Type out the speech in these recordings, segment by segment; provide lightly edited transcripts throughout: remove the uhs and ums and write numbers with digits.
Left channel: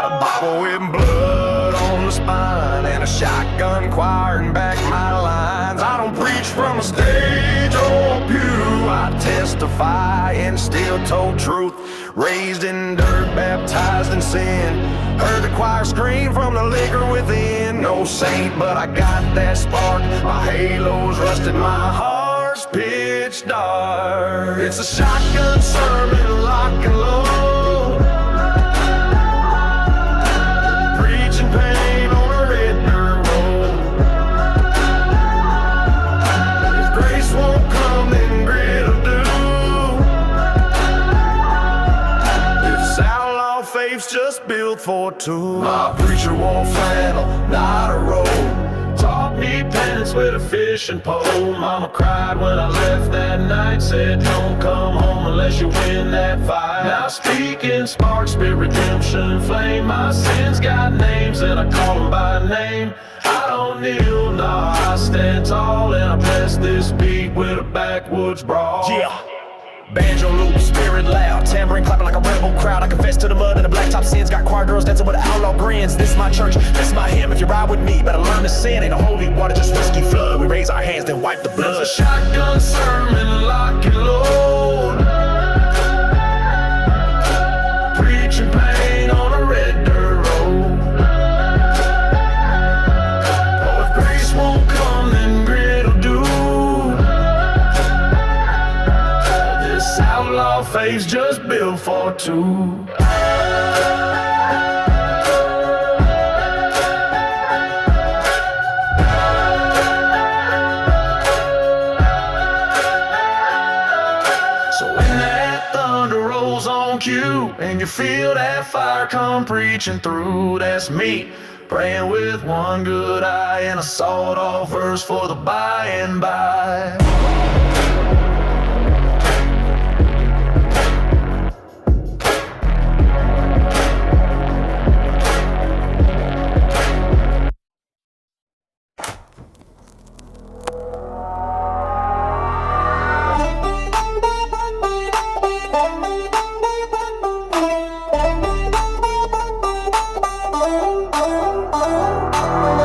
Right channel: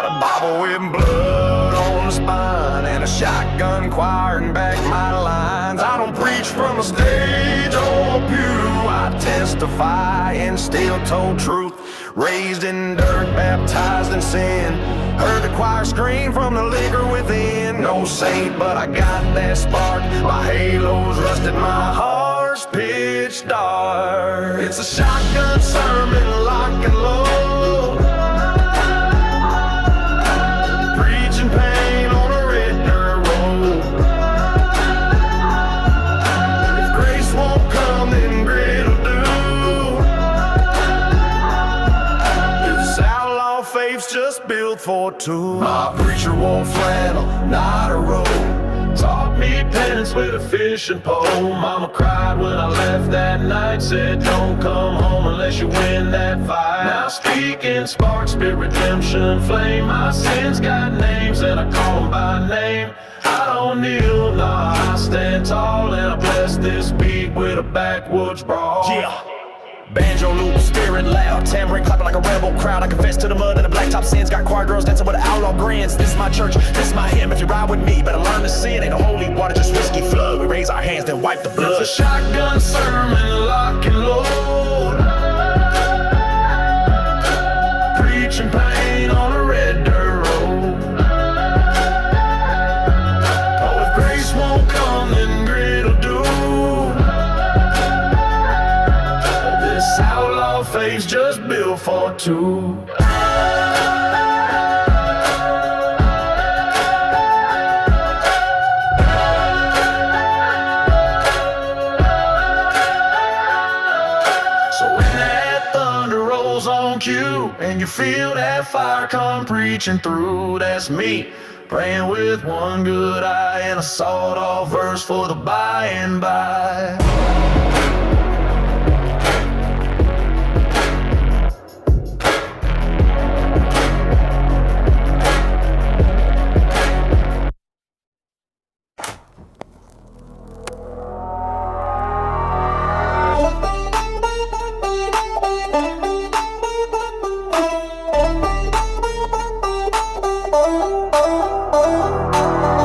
Got a Bible with blood on the spine and a shotgun choir and back my lines. I don't preach from a stage or a pew. I testify and still told truth. Raised in dirt, baptized in sin. Heard the choir scream from the liquor within. No saint, but I got that spark. My halo's rusted, my heart's pitch dark. It's a shotgun sermon, lock and load. Preaching pain on a red dirt road. If grace won't come, then grit'll do. This outlaw faith's just built for two. My preacher wore flannel, not a robe. Taught me penance with a fishing pole. Mama cried when I left that night. Said don't come home unless you win that fight. Now speaking sparks, spirit, redemption, flame. My sins got names and I call them by name. I don't kneel, nah, I stand tall. And I bless this beat with a backwoods brawl. Yeah. Banjo loop, spirit loud, tambourine clapping like a rebel crowd. I confess to the mud and the blacktop sins. Got choir girls dancing with outlaw grins. This my church, this my hymn. If you ride with me, better learn to sin. Ain't no holy water, just whiskey flood. We raise our hands, then wipe the blood. It's a shotgun sermon, lock and load. Preaching pain on a red dirt road. Oh, if grace won't come, then grit'll do. Outlaw faith's just built for two. So when that thunder rolls on cue and you feel that fire come preaching through, that's me praying with one good eye and a sawed-off verse for the by and by.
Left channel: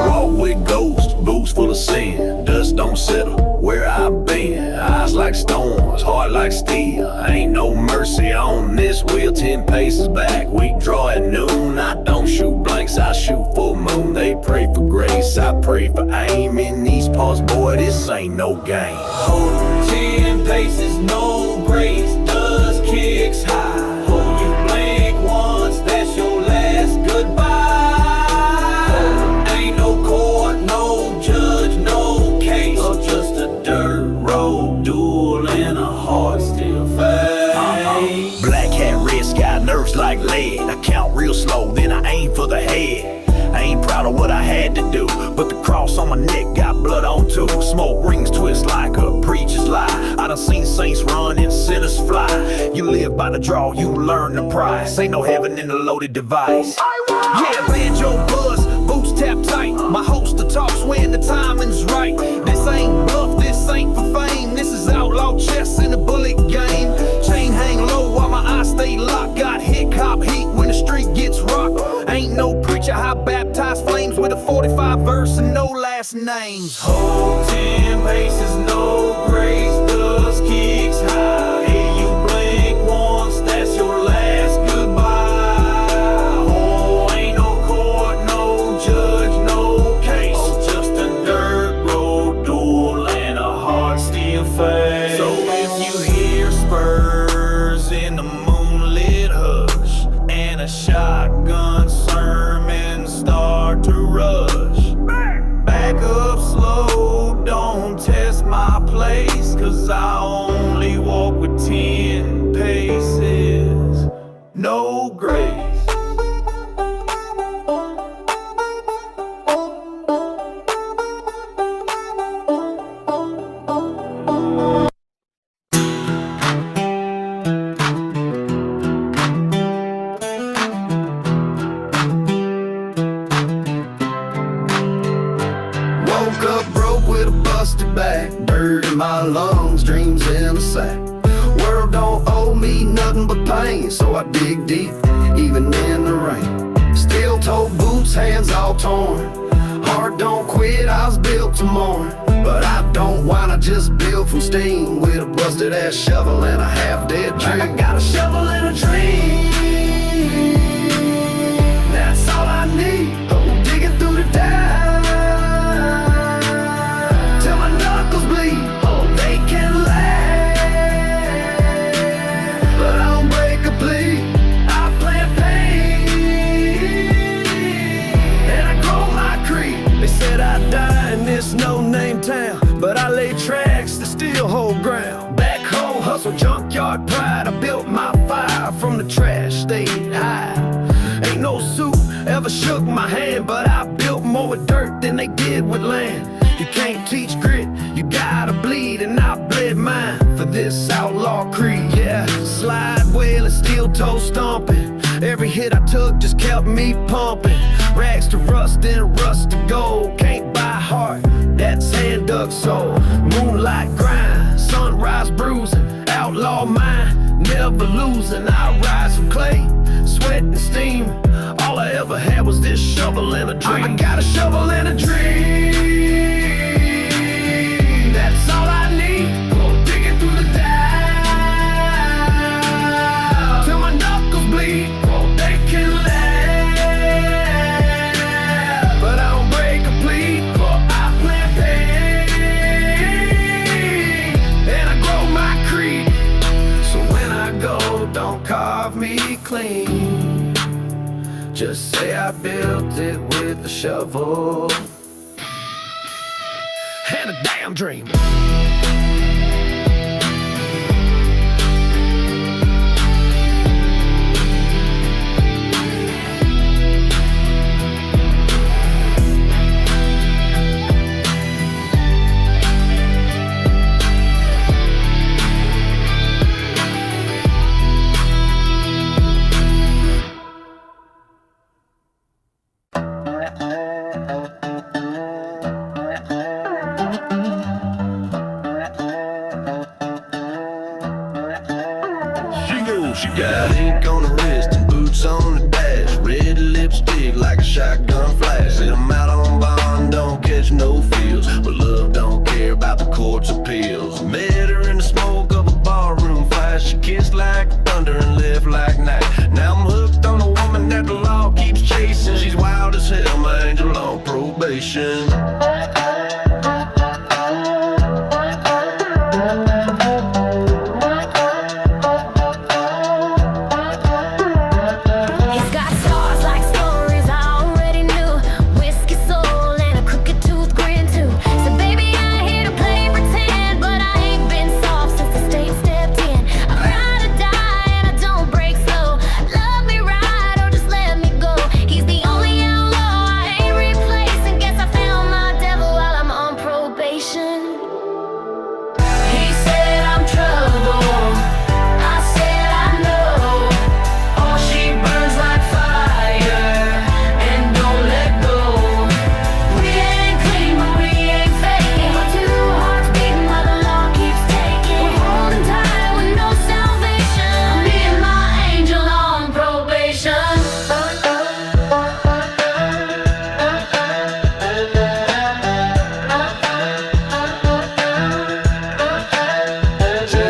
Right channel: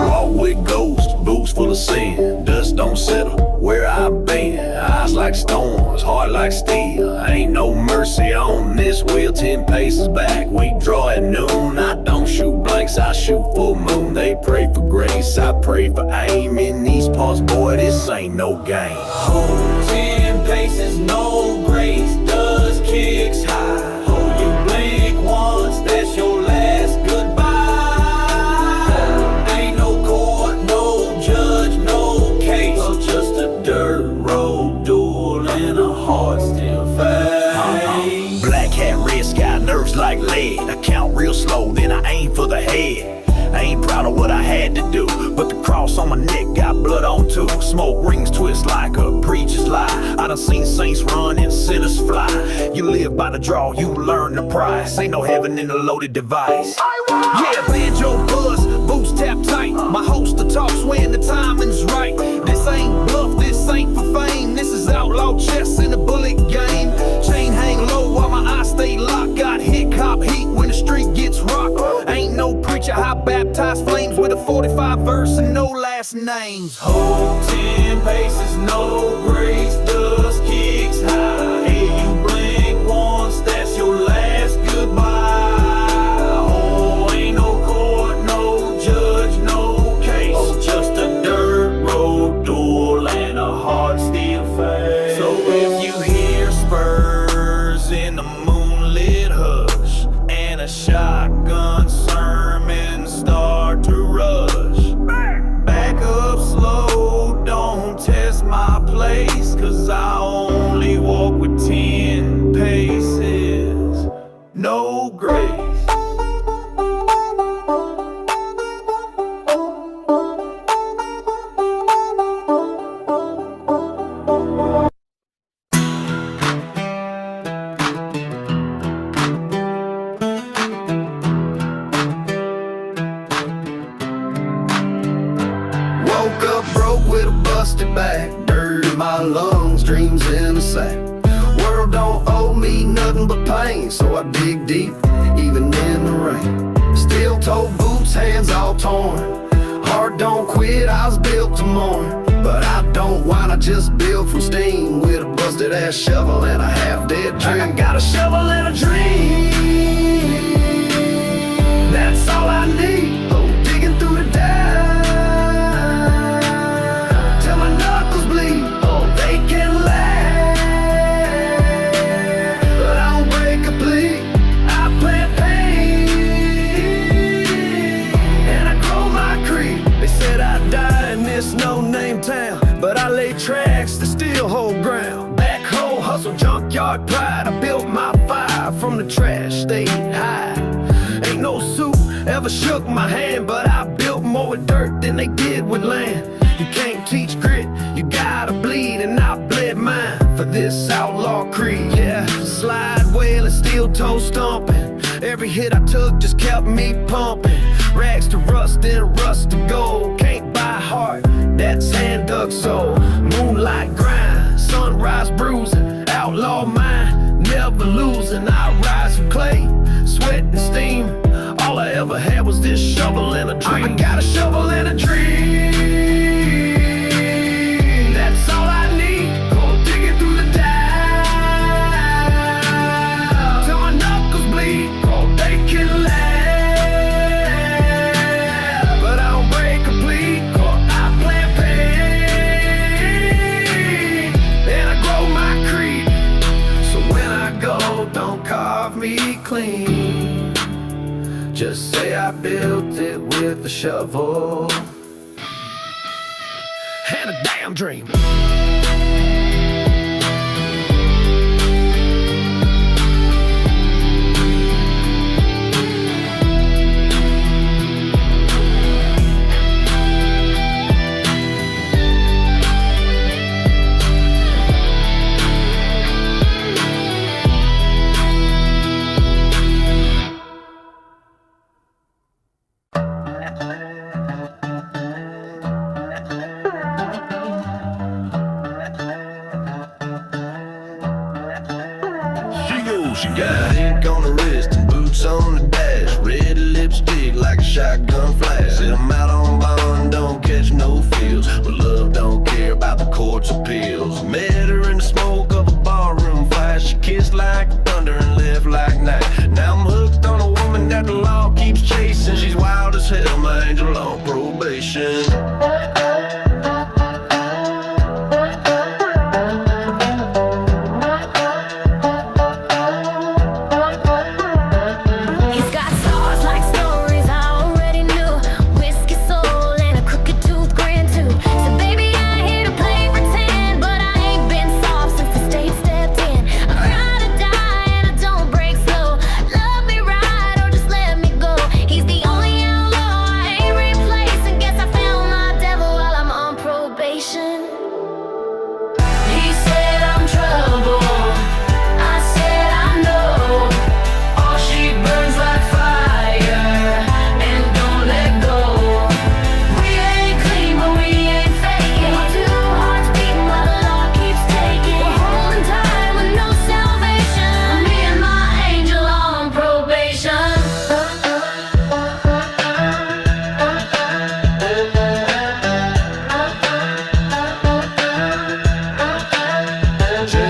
Walk with ghosts, boots full of sin. Dust don't settle where I've been. Eyes like storms, heart like steel. Ain't no mercy on this wheel. 10 paces back, we draw at noon. I don't shoot blanks, I shoot full moon. They pray for grace, I pray for aim. In these parts, boy, this ain't no game. Hold 10 paces, no grace. Dust kicks high. Hold you blink once, that's your last goodbye. Ain't no court, no judge, no case. Or just a dirt road duel and a heart still fades. Black hat, red sky, nerves like lead. I count real slow, then I aim for the head. I ain't proud of what I had to do, but the cross on my neck got blood on too. Smoke rings twist like a preacher's lie. I done seen saints run and sinners fly. You live by the draw, you learn the price. Ain't no heaven in a loaded device. Yeah, banjo buzz, boots tap tight. My holster talks when the timing's right. This ain't bluff, this ain't for fame. This is outlaw chess in a bullet game. Chain hang low while my eyes stay locked. Got hick hop heat when the street gets rocked. Ain't no preacher high baptized flames with a 45 verse and no last names. Hold 10 paces, no grace. Dust kicks high. Hey, you blink once, that's your last goodbye. Oh, ain't no court, no judge, no case. Oh, just a dirt road duel and a heart still fades. So if you hear spurs in the moonlit hush and a shotgun sermon start to rush, back up slow, don't test my place. Cause I only walk with 10 paces, no grace. Woke up broke with a busted back, dirt in my lungs, dreams in a sack. World don't owe me nothing but pain, so I dig deep, even in the rain. steel-toe boots, hands all torn. Heart don't quit, I was built to mourn. But I don't whine, I just build from steam, with a busted ass shovel and a half-dead dream. I got a shovel and a dream, that's all I need. Oh, digging through the dirt till my knuckles bleed. Oh, they can laugh, but I don't break a plea. I plant pain and I grow my creed. They said I'd die in this no-name town, but I laid tracks that still hold ground. Backhoe hustle, junkyard pride. I built my fire from the trash they hide. Ain't no suit ever shook my hand, but I built more with dirt than they did with land. You can't teach grit, you gotta bleed, and I bled mine for this outlaw creed. Yeah, slide whale and steel toe stomping. Every hit I took just kept me pumping. Rags to rust, then rust to gold. Can't buy heart, that's hand-dug soul. Moonlight grind, sunrise bruising. Outlaw mind, never losing. I rise from clay, sweat and steam. All I ever had was this shovel and a dream. I got a shovel and a dream, that's all I need. Go digging through the dirt till my knuckles bleed. Oh, they can laugh, but I don't break a plea. I plant pain and I grow my creed. So when I go, don't carve me clean, just say I built it with a shovel and a damn dream. She got ink on her wrist and boots on the dash, red lipstick like a shotgun flash. Said I'm out on bond, don't catch no feels, but love don't care about the court's appeals. Met her in the smoke of a barroom fire. She kissed like thunder and left like night. Now I'm hooked on a woman that the law keeps chasing. She's wild as hell, my angel on probation. He said I'm trouble, I said I know. Oh, she burns like fire and don't let go. We ain't clean but we ain't faking. Our two hearts beating while the law keeps taking. We're holding tight with no salvation. Me and my angel on probation.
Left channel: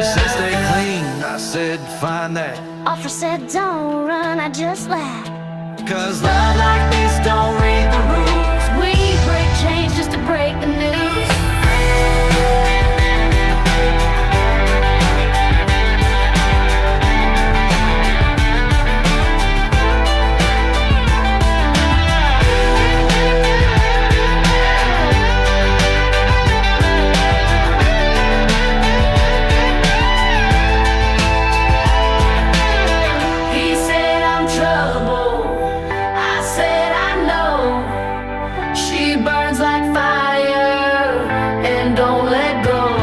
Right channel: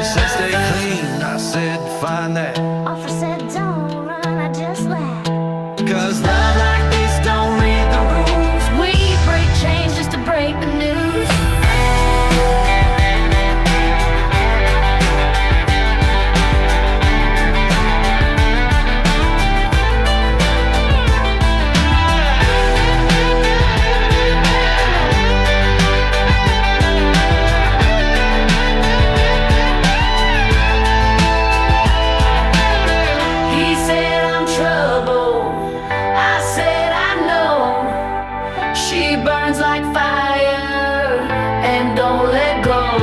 Said stay clean, I said find that. Officer said don't run, I just laughed. Cause love like this don't read the rules. We break chains just to break the news. She burns like fire and don't let go.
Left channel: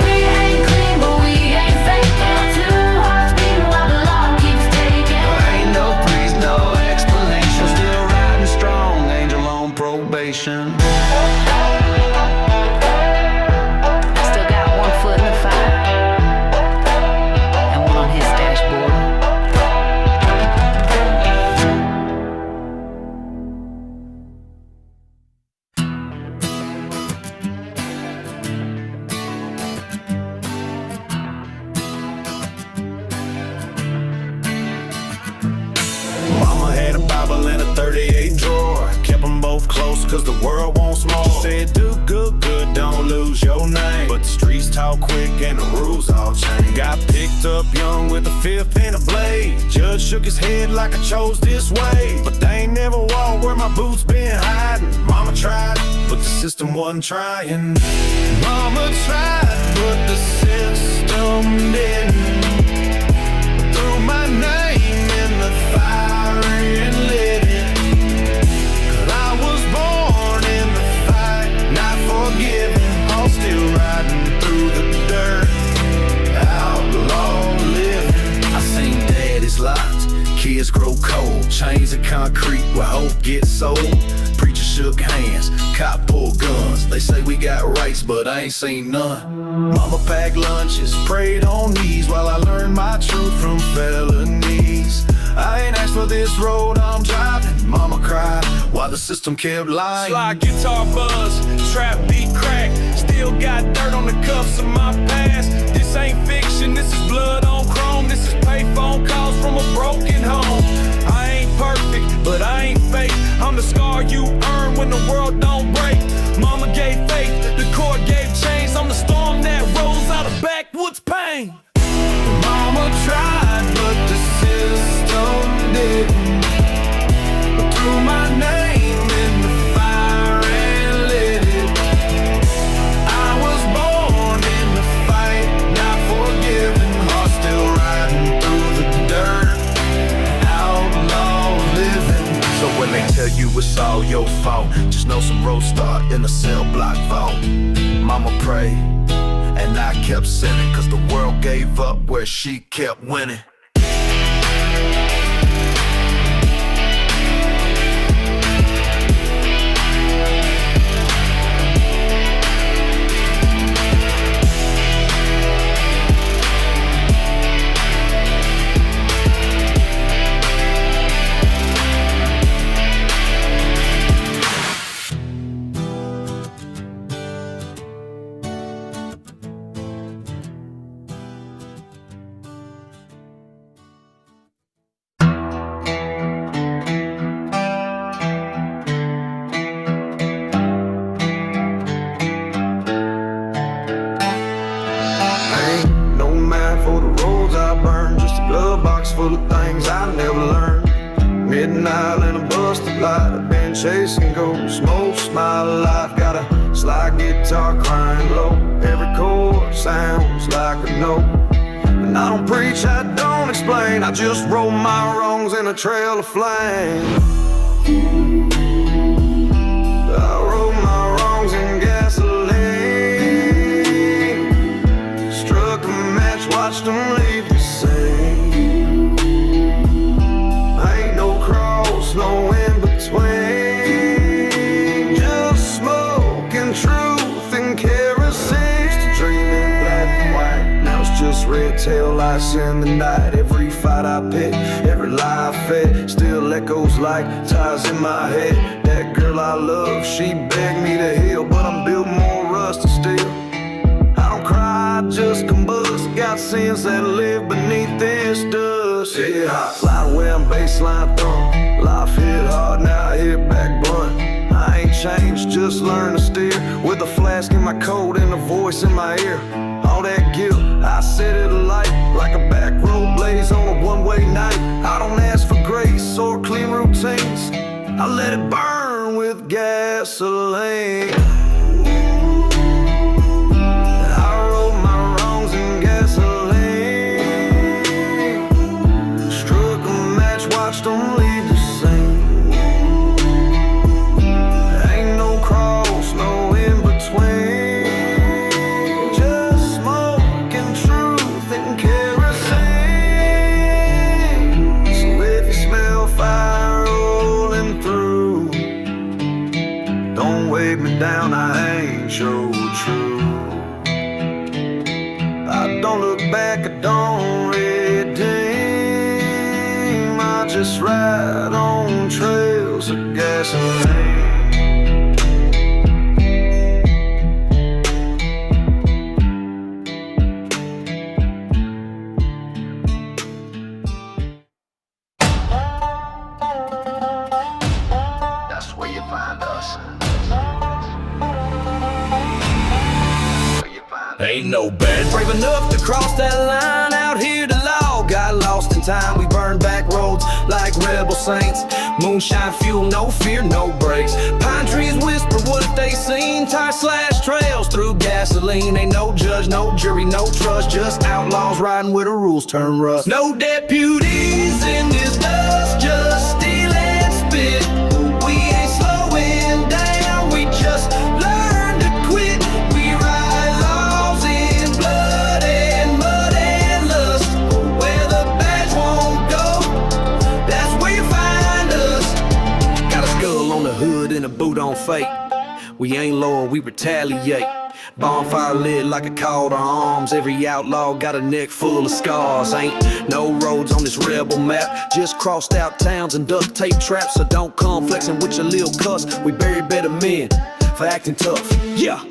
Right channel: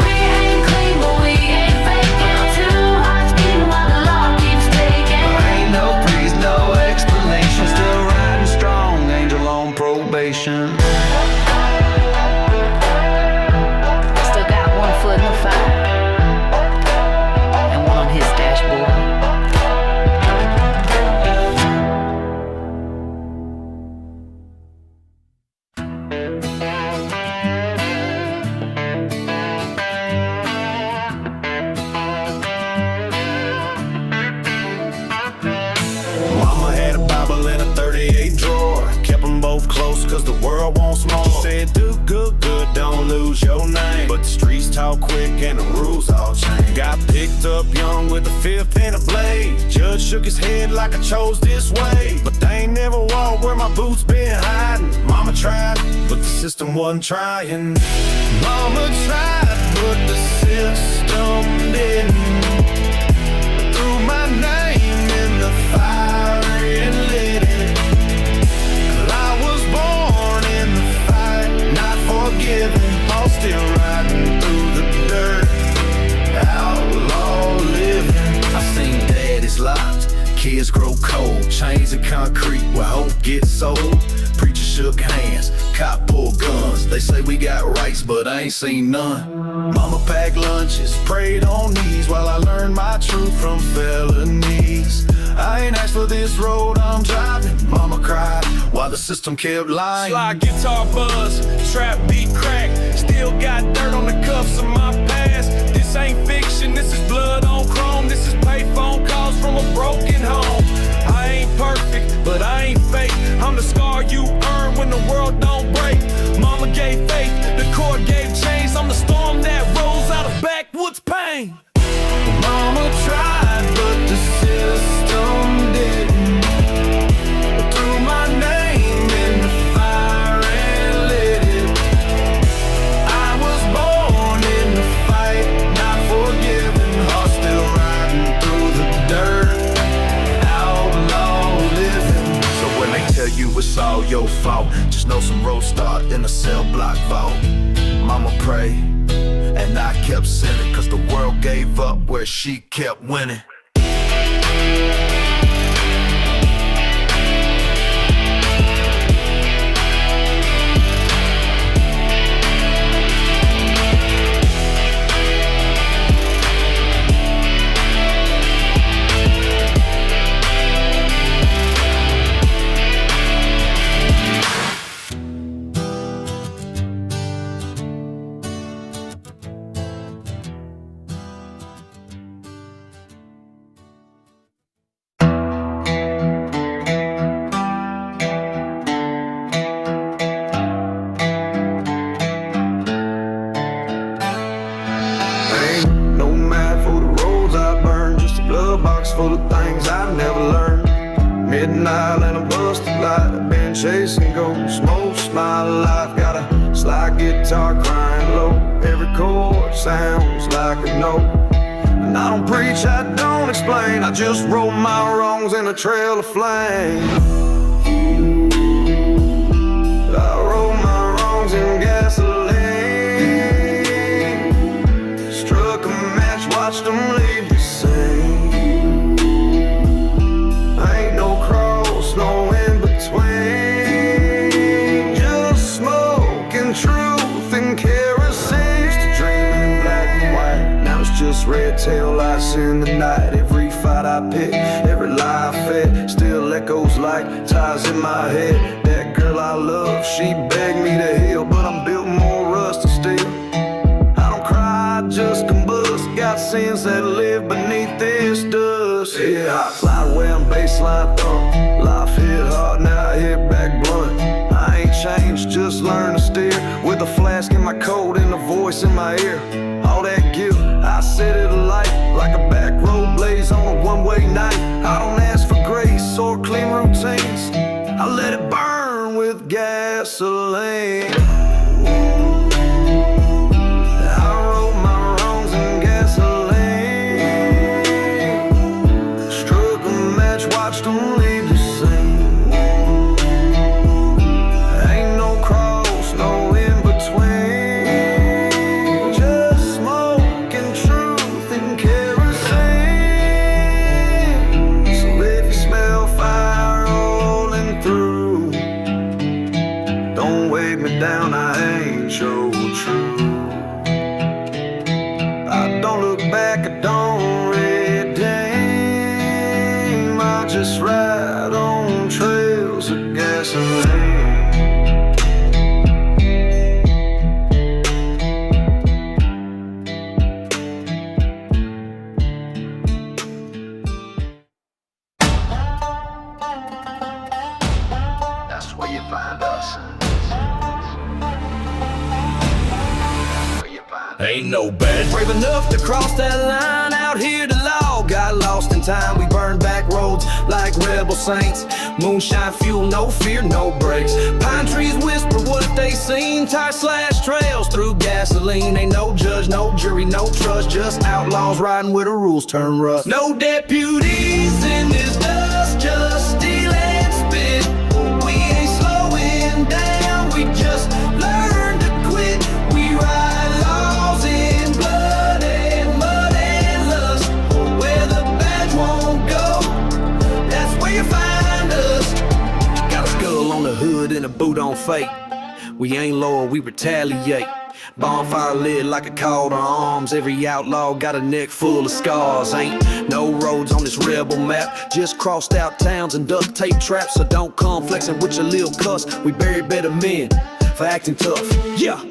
We ain't clean but we ain't faking. Two hearts beating while the law keeps taking. Ain't no priest, no explanation. Still riding strong, angel on probation. Still got one foot in the fire and one on his dashboard. pistol and a 38 drawer. Kept them both close cause the world wants more. Said do good, good, don't lose your name. But the streets talk quick and the rules all change. Got picked up young with a fifth and a blade. Judge shook his head like I chose this way. But they ain't never walked where my boots been hiding. Mama tried, but the system wasn't trying. Mama tried, but the system didn't. Threw my name in the fire and lit it. 'Cause I was born in the fight, not forgiven. I'm still riding through the dirt, outlaw living. I seen daddy's locked, kids grow cold. Chains of concrete where hope gets sold. Preacher shook hands, cop pulled guns. They say we got rights, but I ain't seen none. Mama packed lunches, prayed on knees while I learned my truth from felonies. I ain't asked for this road I'm driving. Mama cried while the system kept lying. Slide guitar buzz, trap beat crack. Still got dirt on the cuffs of my past. This ain't fiction, this is blood on chrome. This is pay phone calls from a broken home. I ain't perfect, but I ain't fake. I'm the scar you earn when the world don't break. Mama gave faith, the court gave chains. I'm the storm that rolls out of backwoods pain. Mama tried, but the system didn't. Threw my name in the fire and lit it. I was born in the fight, not forgiven. Heart still riding through the dirt, outlaw living. So when they tell you it's all your fault, just know some roads start in a cell block vault. Mama prayed, and I kept sinning, cause the world gave up where she kept winning. Ain't no map for the roads I burn, just a glove box full of things I never learned. Midnight and a busted light, I've been chasing ghosts most my life. Got a slide guitar crying low, every chord sounds like a note. And I don't preach, I don't explain, I just roll my wrongs in a trail of flame. I roll my wrongs in gasoline. Struck a match, watched them leave the same. Ain't no cross, no in between. Just smoke and truth and kerosene. Used to dream in black and white, now it's just red tail lights in the night. Every fight I pick, every lie I fed, still echoes like ties in my head. That girl I love, she begged me to heal, but I'm built more rust and steel. I don't cry, I just combust. Got sins that live beneath this dust. Yeah, I fly away on baseline thump. Life hit hard, now I hit back blunt. I ain't changed, just learned to steer. With a flask in my coat and a voice in my ear. All that guilt, I set it alight. Like a back road blaze on a one-way night. I don't ask for grace or clean routines, I let it burn with gasoline. I rolled my wrongs in gasoline. Struck a match, watched them leave the same. Ain't no cross, no in between. Just smoke and truth and kerosene. So if you smell fire rolling through, don't wave me down, I ain't your true. I don't look back, I don't redeem. I just ride on trails of gasoline. Ain't no bad. Brave enough to cross that line out here to law. Got lost in time, we burned back roads like rebel saints. Moonshine fuel, no fear, no brakes. Pine trees whisper what they seen. Tire slash trails through gasoline. Ain't no judge, no jury, no trust. Just outlaws riding where the rules turn rust. No deputies in this dust, just steel and spit. We ain't slowing down, we just learn to quit. We ride laws in blood and mud and lust. Where the badge won't go, that's where you find us. Got a skull on the hood and a boot on fate. We ain't loyal, we retaliate. Bonfire lit like a call to arms. Every outlaw got a neck full of scars. Ain't no roads on this rebel map, just crossed out towns and duct tape traps. So don't come flexing with your lil' cuss. We bury better men for acting tough. Yeah,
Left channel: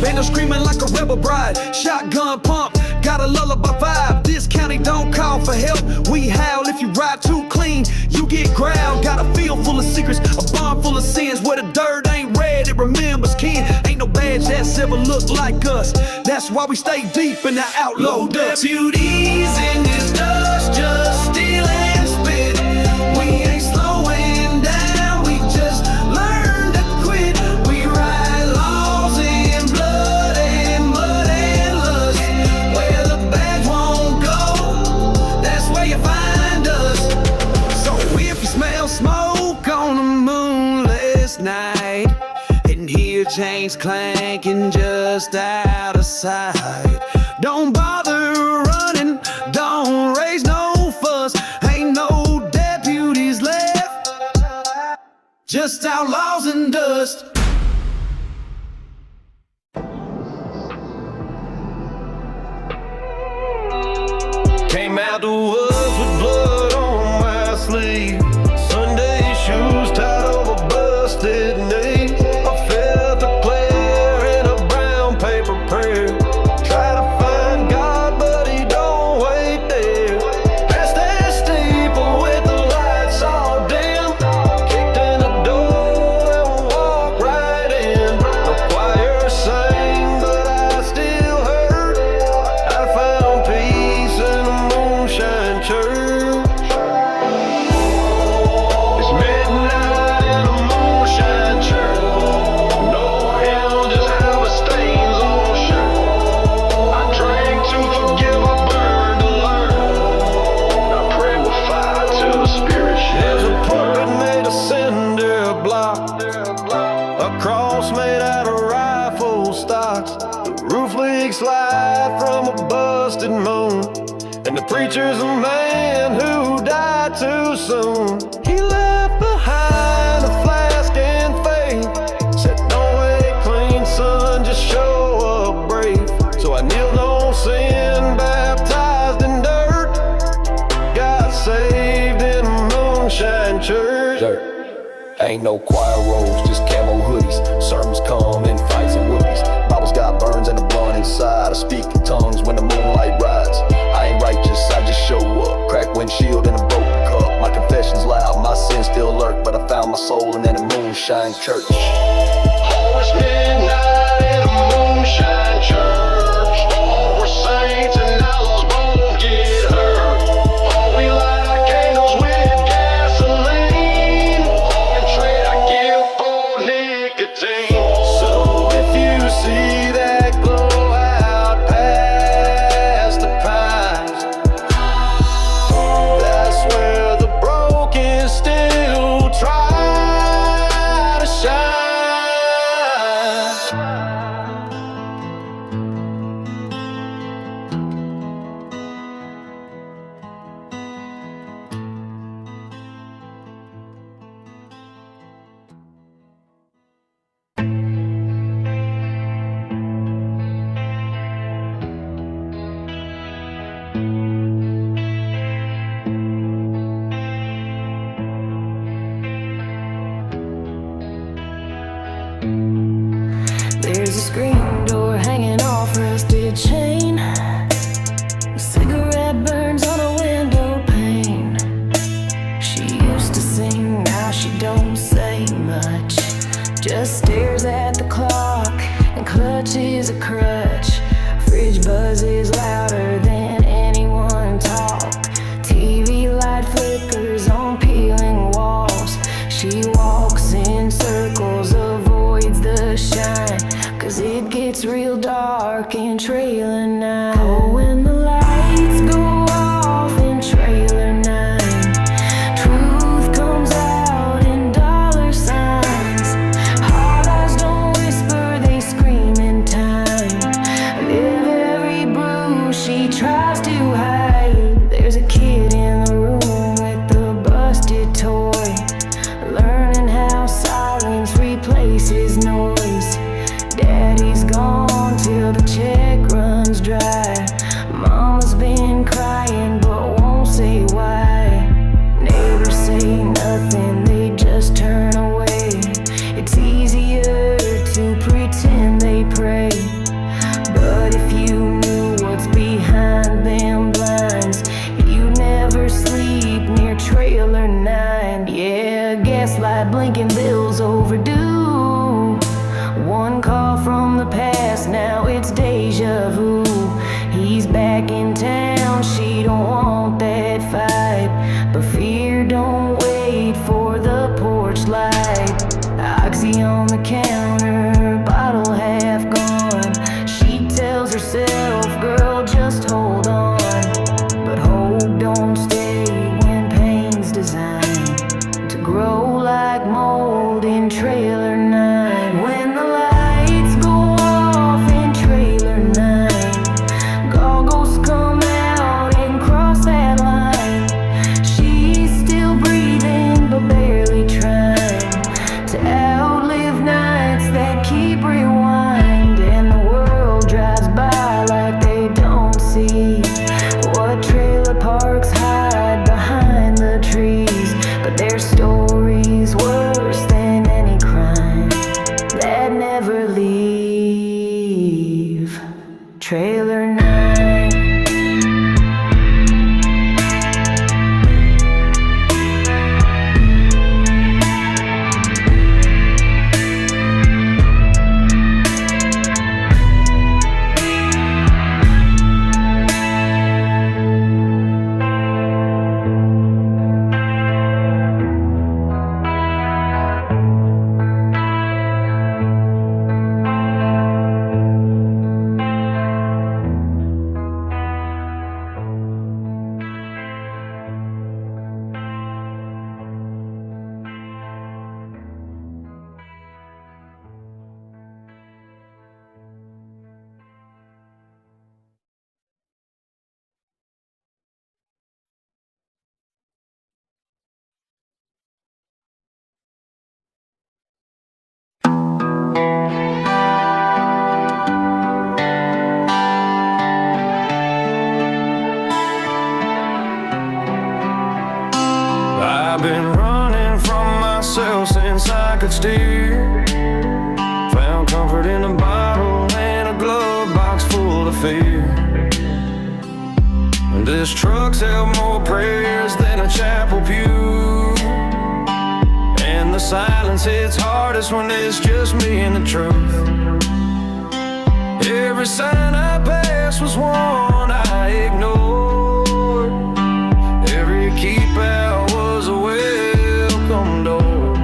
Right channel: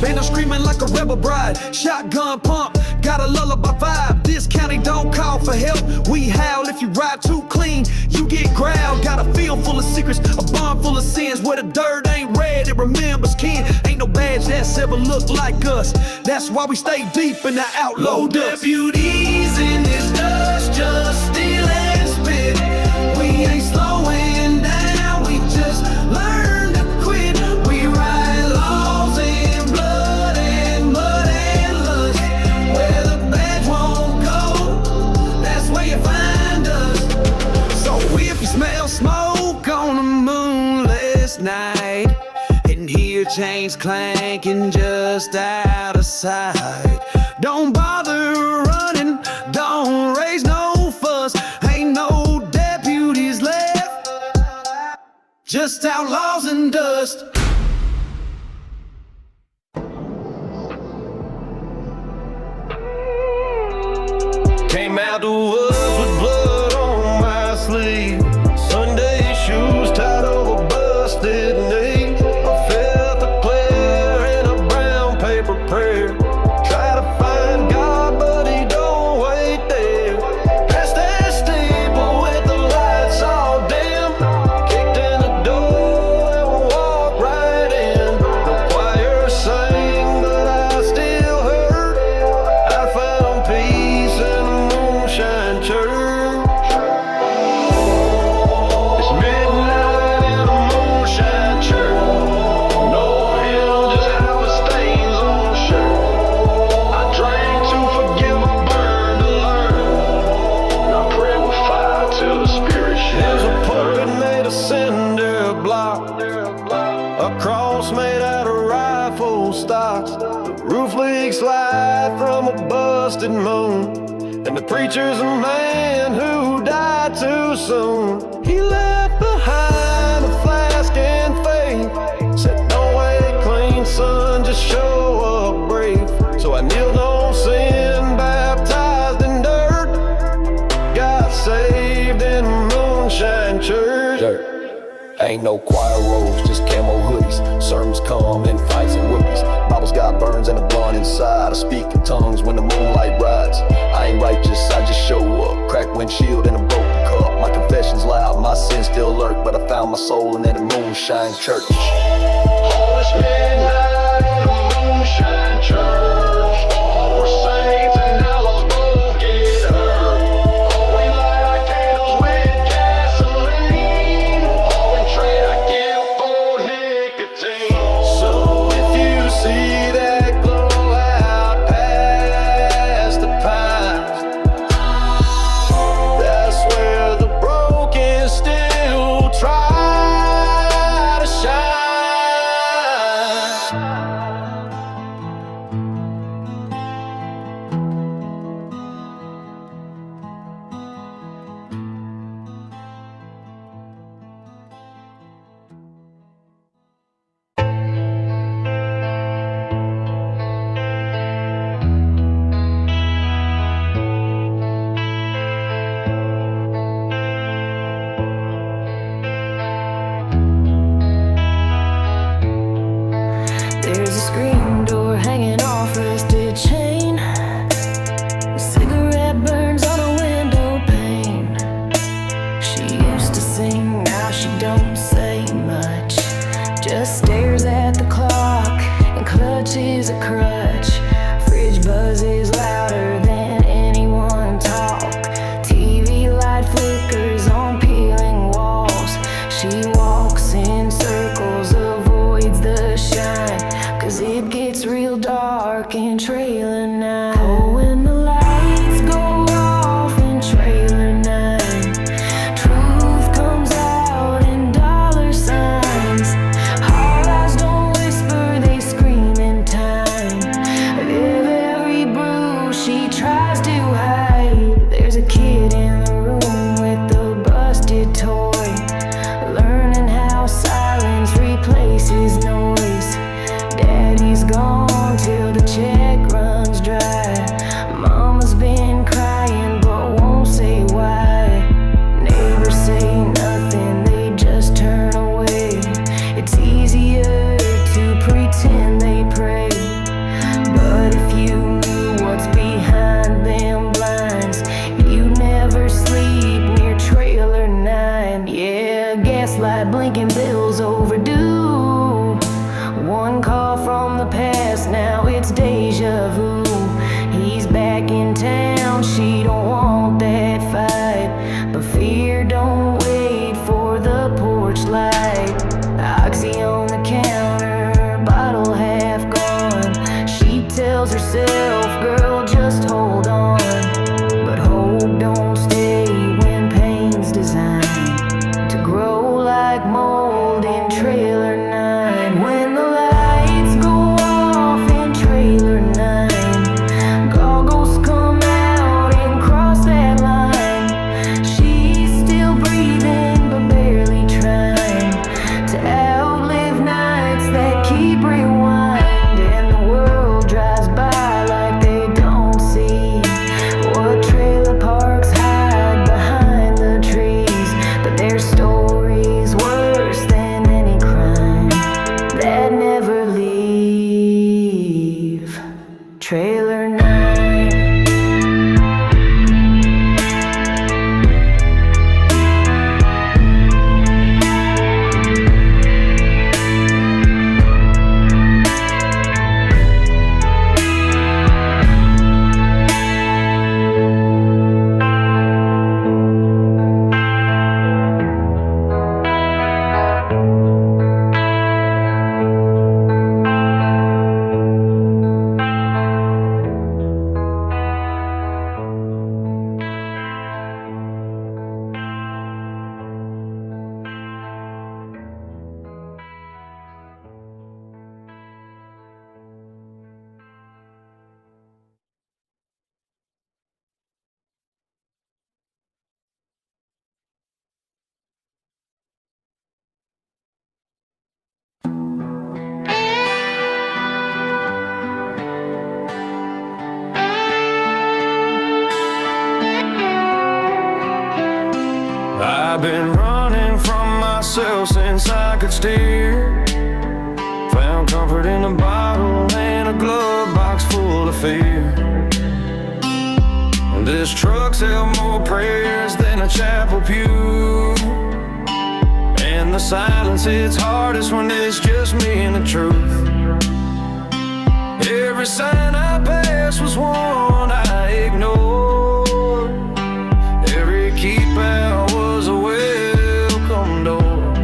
bando screaming like a rebel bride. Shotgun pump, got a lullaby vibe. This county don't call for help, we howl. If you ride too clean, you get growled. Got a field full of secrets, a barn full of sins. Where the dirt ain't red, it remembers kin. Ain't no badge that's ever looked like us. That's why we stay deep in the outlaw dust. Deputies in this dust, just steal and spit. We ain't slowing down, we just learn to quit. We ride laws in blood and mud and lust. Where the badge won't go, that's where you find us. So if you smell smoke on a moonless night, and hear chains clanking just out of sight, don't bother running, don't raise no fuss. Ain't no deputies left, just outlaws and dust. Came out the woods with blood on my sleeve. Sunday shoes tied over busted knees. I felt a clear in a brown paper prayer. Try to find God, but he don't wait there. Past that steeple with the lights all dim. Kicked in the door and walked right in. No choir sang, but I still heard I found peace in a moonshine church. It's midnight in a moonshine church. No hymn, just harvest stains on shirt. I drank to forgive, I burned to learn. And I pray with fire till the spirit shines. There's a pulpit made of cinder block, a cross made out of rifle stocks. The roof leaks slide from a busted moon, and the preacher's a man who died too soon. He left behind a flask and faith. Said don't wait clean, son, just show up brave. So I kneeled on sin, baptized in dirt. Got saved in a moonshine church. Dirt. Ain't no choir robes, just camo hoodies. Sermons come in fights and whoopies. Bibles got burns and a blunt inside. I speak in tongues when the moonlight rides. I ain't righteous, I just show up. Cracked windshield and a broken cup. My confession's loud, my sins still lurk, but I found my soul in a moonshine church. Oh, it's midnight in a moonshine church. Oh, we're saints and outlaws both get hurt. Oh, we light our candles with gasoline. Oh, and trade our guilt for nicotine. So if you see that glow out past the pines, that's where the broken still try to shine. There's a screen door hanging off rusted chain. A cigarette burns on a window pane. She used to sing, now she don't say much. Just stares at the clock and clutches a crutch. Fridge buzzes louder than anyone talk. TV light flickers on peeling walls. She walks in circles, avoids the shine, 'cause it gets real dark in trailer 9. Oh, when the lights go off in trailer 9, truth comes out in dollar signs. Hard eyes don't whisper, they scream in time. Of every bruise she tries to hide, there's a kid in the room with the busted toy, learning how silence replaces noise. Daddy's gone till the check runs dry. Mama's been crying but won't say why. Neighbors say nothing, they just turn away. It's easier to pretend they pray, but if you knew what's behind them blinds, you'd never sleep near trailer 9. Yeah, gaslight blinking bills overdue. One call from the past, now it's deja vu. He's back in town, she don't want that fight, but fear don't wait for the porch light. Oxy on the counter, bottle half gone. She tells herself, girl, just hold on. But hope don't stay when pain's designed to grow like mold in trailer 9. When the lights go off in trailer 9, goggles come out and cross that line. She's still breathing but barely trying to outlive nights that keep rewind. And the world drives by like they don't see what trailer parks hide behind the trees. But their story's worse than any crime that never leave trailer 9. I've been running from myself since I could steer. Found comfort in a bottle and a glove box full of fear. And this truck's held more prayers than a chapel pew. And the silence hits hardest when it's just me and the truth. Every sign I passed was one I ignored. Every keep out was a welcome door.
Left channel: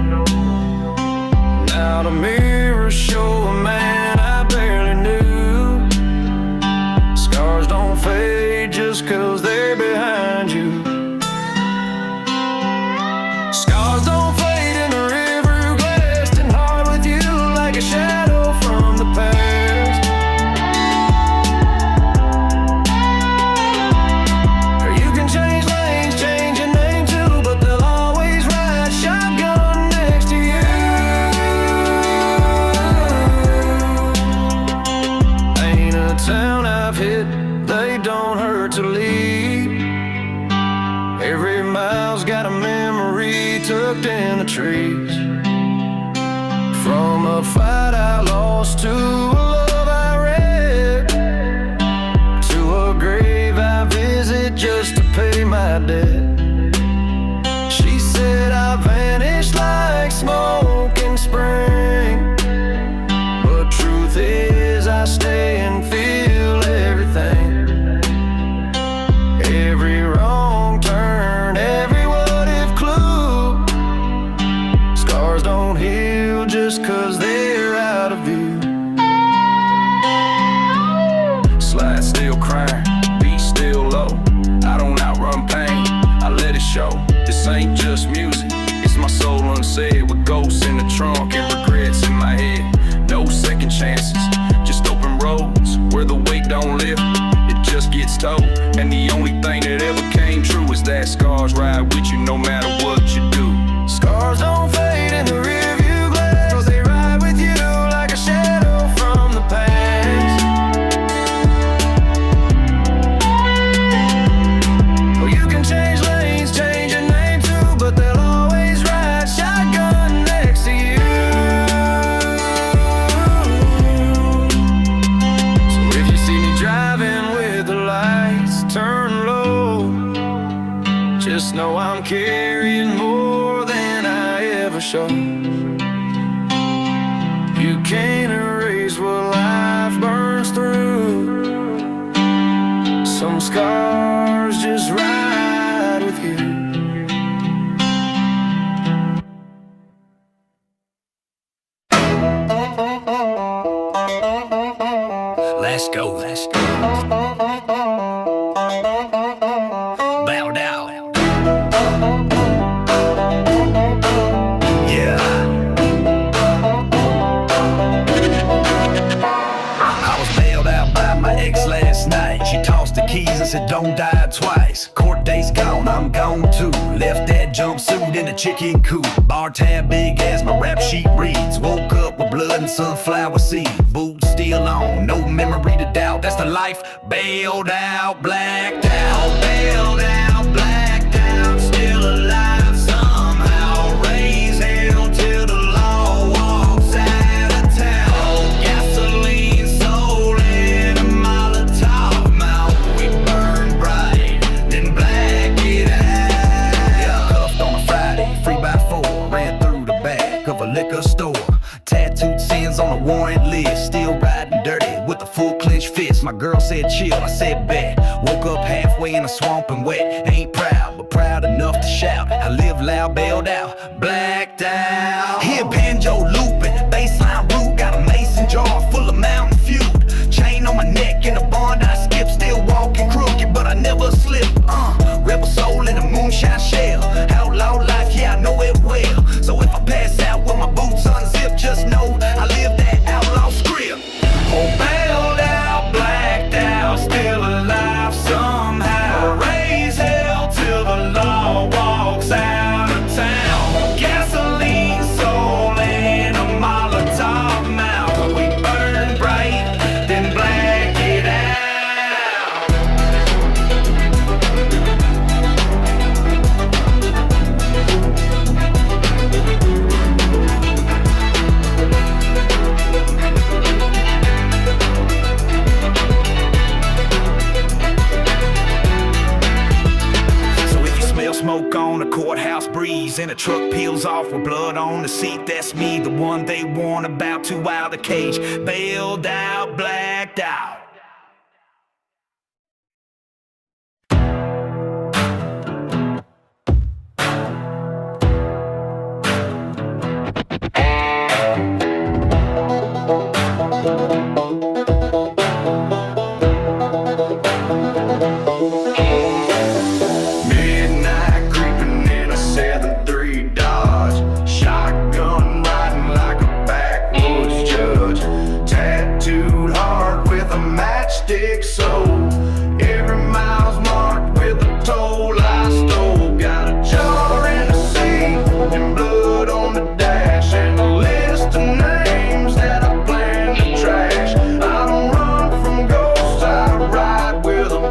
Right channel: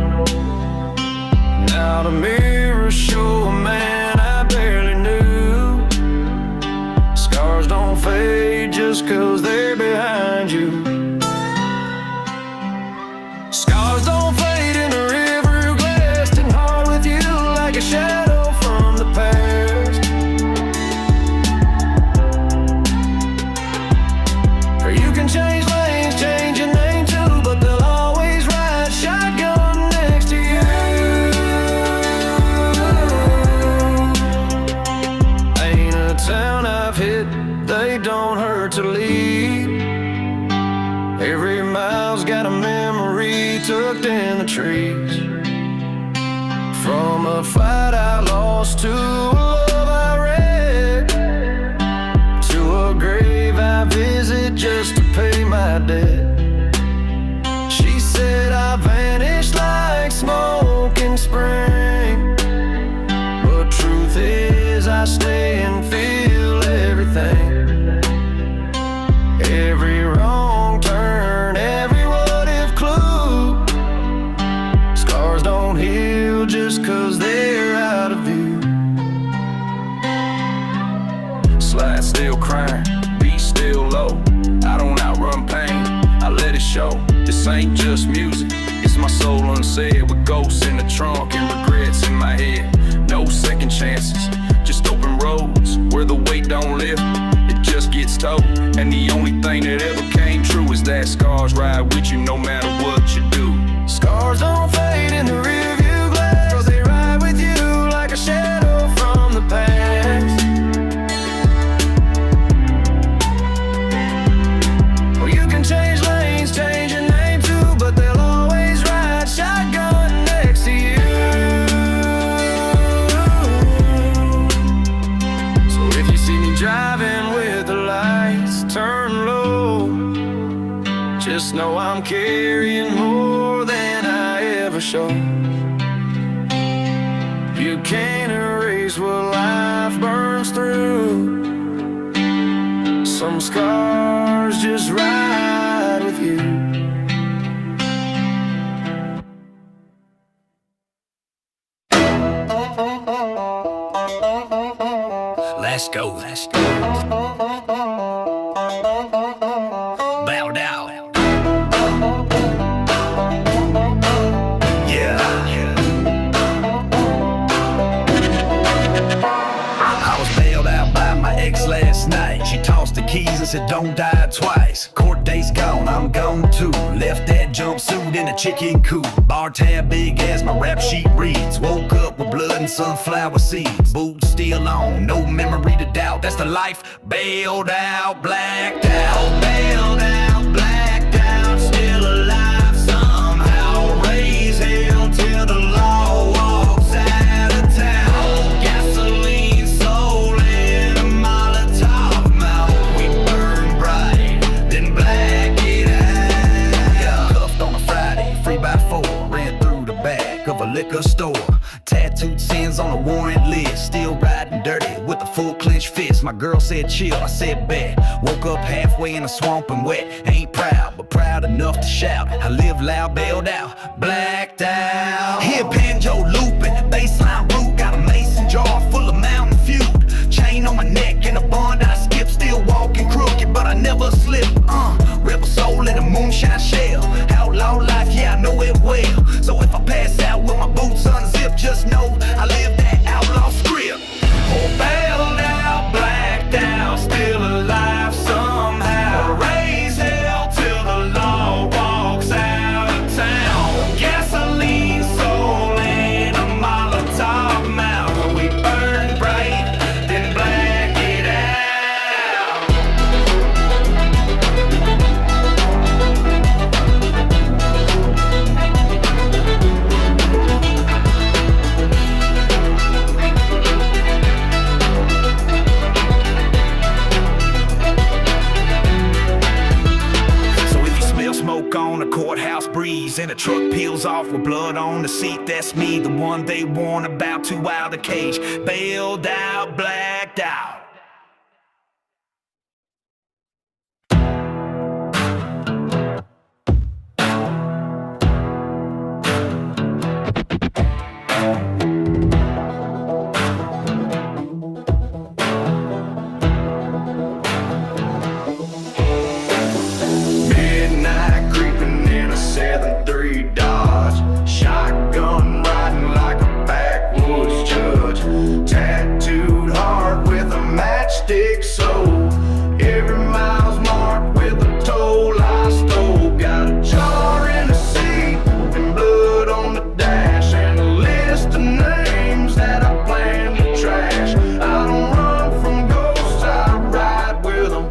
Now the mirrors show a man I barely knew. Scars don't fade just 'cause they're behind you. Scars don't fade in a river glassed and hard with you like a shadow from the past. Or you can change lanes, change your name too, but they'll always ride shotgun next to you. Ain't a town I've hit, they don't hurt to leave. Every mile's got a memory tucked in the trees. From a fight I lost to a love I wrecked, to a grave I visit just to pay my debt. She said I vanished like smoke in spring, but truth is I stay and feel everything. Every wrong turn, every what if clue. Scars don't heal just 'cause they're out of view. Slide still crying, beat still low. I don't outrun pain, I let it show. This ain't just music, it's my soul unsaid, with ghosts in the trunk and regrets in my head. No second chances, just open roads where the weight don't lift, it just gets told. And the only thing that ever came true is that scars ride with you no matter what you do. Scars don't fade in the rearview glass, but they ride with you like a shadow from the past. Well, you can change lanes, change your name too, but they'll always ride shotgun next to you. So if you see me driving with the lights turned low, just know I'm carrying more than I ever show. You can't erase what life burns through. Some scars just ride with you. Let's go, let's go. Bowed out. Yeah. I was bailed out by my ex last night. She tossed the keys and said don't die twice. Court date's gone, I'm gone too. Left that jumpsuit in a chicken coop. Bar tab big as my rap sheet reads. Woke up with blood and sunflower seeds. Boots still on, no memory to doubt. That's the life. Bailed out, blacked out. Bailed out, blacked out. Still alive somehow. Raise hell till the law walks out of town. Oh, gasoline soul in a Molotov mouth. We burn bright, then black it out. Yeah, cuffed on a Friday, 3x4. Ran through the back of a liquor store. Tattooed sins on a warrant list. Still riding dirty with a full clenched fist. My girl said chill, I said bet. Woke up halfway in a swamp and wet. Ain't proud, but proud enough to shout. I live loud, bailed out, blacked out. Hear banjo looping, bassline root. Got a mason jar full of Mountain Feud. Chain on my neck and a bond I skip. Still walking crooked, but I never slip. Rebel soul in a moonshine shell. Outlaw life, yeah, I know it well. So if I pass out with my boots unzipped, just know I live that outlaw script. Oh, bailed out, blacked out, still alive somehow. Raise hell till the law walks out of town. Gasoline soul in a Molotov mouth. We burn bright, then black it out. So if you smell smoke on the courthouse breeze and the truck peels off with blood on the seat, that's me, the one they warn about, too wild a cage. Bailed out, blacked out. Midnight creeping in a 7-3 Dodge. Shotgun riding like a backwoods judge. Tattooed hard with a matchstick soul. Every mile's marked with a toll I stole. Got a jar in the seat and blood on the dash, and a list of names that I plan to trash. I don't run from ghosts, I ride with them.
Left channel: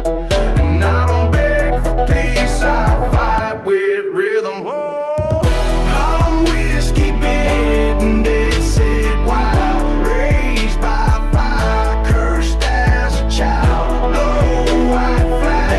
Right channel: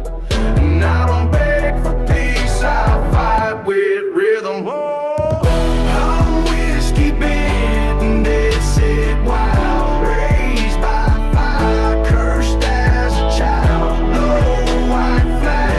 And I don't beg for peace, I fight with rhythm. Whoa, I'm whiskey bent and dead set wild. Raised by fire, cursed as a child. Low white flag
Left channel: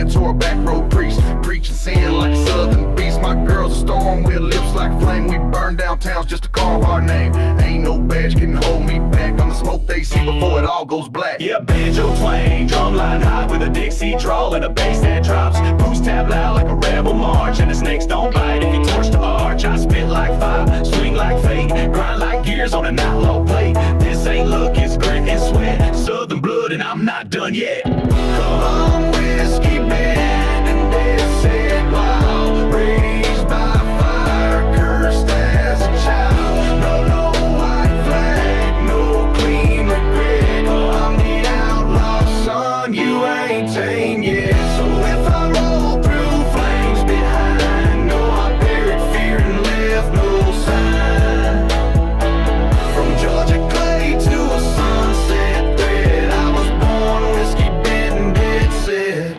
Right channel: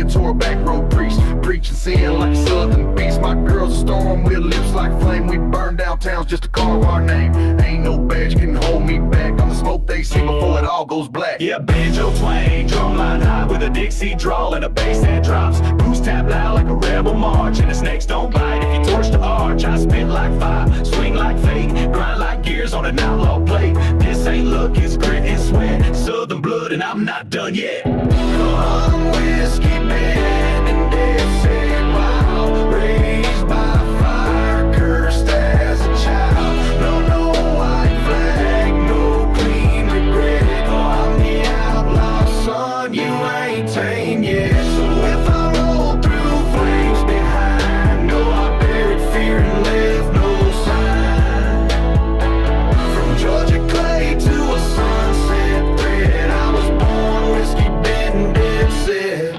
mentor, back road priest, preaching sin like a southern beast. My girl's a storm with lips like flame. We burn down towns just to carve our name. Ain't no badge can hold me back. I'm the smoke they see before it all goes black. Yeah, banjo twang, drumline high with a Dixie drawl and a bass that drops. Boost tap loud like a rebel march, and the snakes don't bite if you torch the arch. I spit like fire, swing like fate, grind like gears on an outlaw plate. This ain't luck, it's grit and sweat, southern blood, and I'm not done yet. Come whiskey band and dead set wild, raised by fire, cursed as a child. No white flag, no clean regret. I'm the outlaw son, you ain't tame yet. So if I roll through flames behind, no, I buried fear and left no sign. From Georgia clay to a sunset thread, I was born whiskey bent and dead set.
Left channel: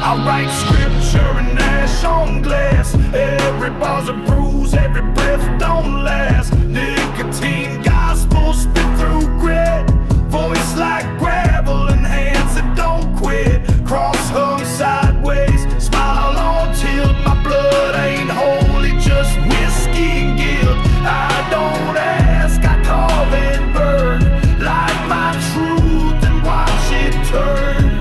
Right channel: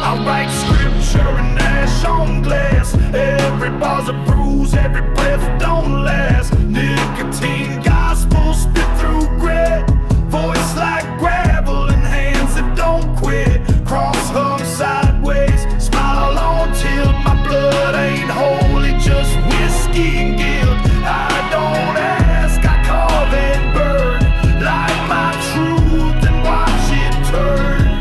I write scripture and ash on glass. Every bar's a bruise, every breath don't last. Nicotine gospel spit through grit. Voice like gravel and hands that don't quit. Cross hung sideways, smile on tilt. My blood ain't holy, just whiskey and guilt. I don't ask, I carve and burn. Light my truth and watch it turn.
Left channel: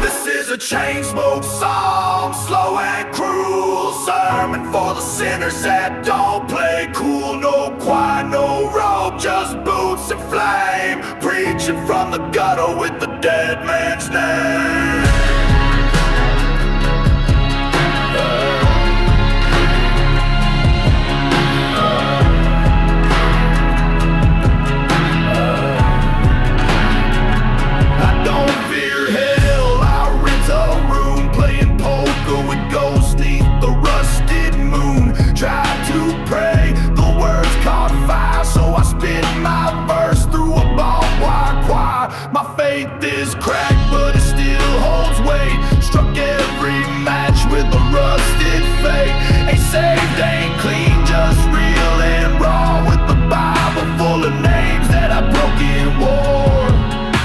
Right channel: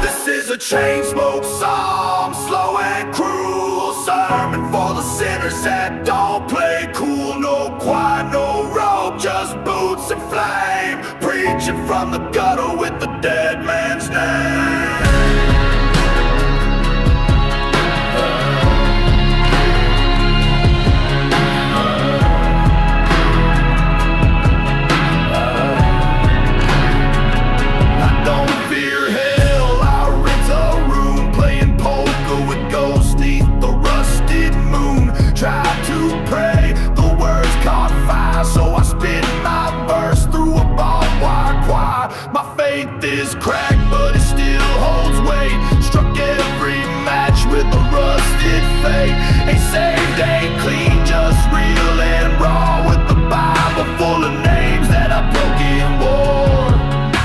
This is a chain smoke psalm, slow and cruel. Sermon for the sinners that don't play cool. No choir, no robe, just boots and flame. Preaching from the gutter with the dead man's name. I don't fear hell, I rent a room, playing poker with ghosts neath the rusted moon. Tried to pray, the words caught fire, so I spit my verse through a barbed wire choir. My faith is cracked, but it still holds weight. Struck every match with a rusted fate. Ain't saved, ain't clean, just real and raw, with the Bible full of names that I broke in war.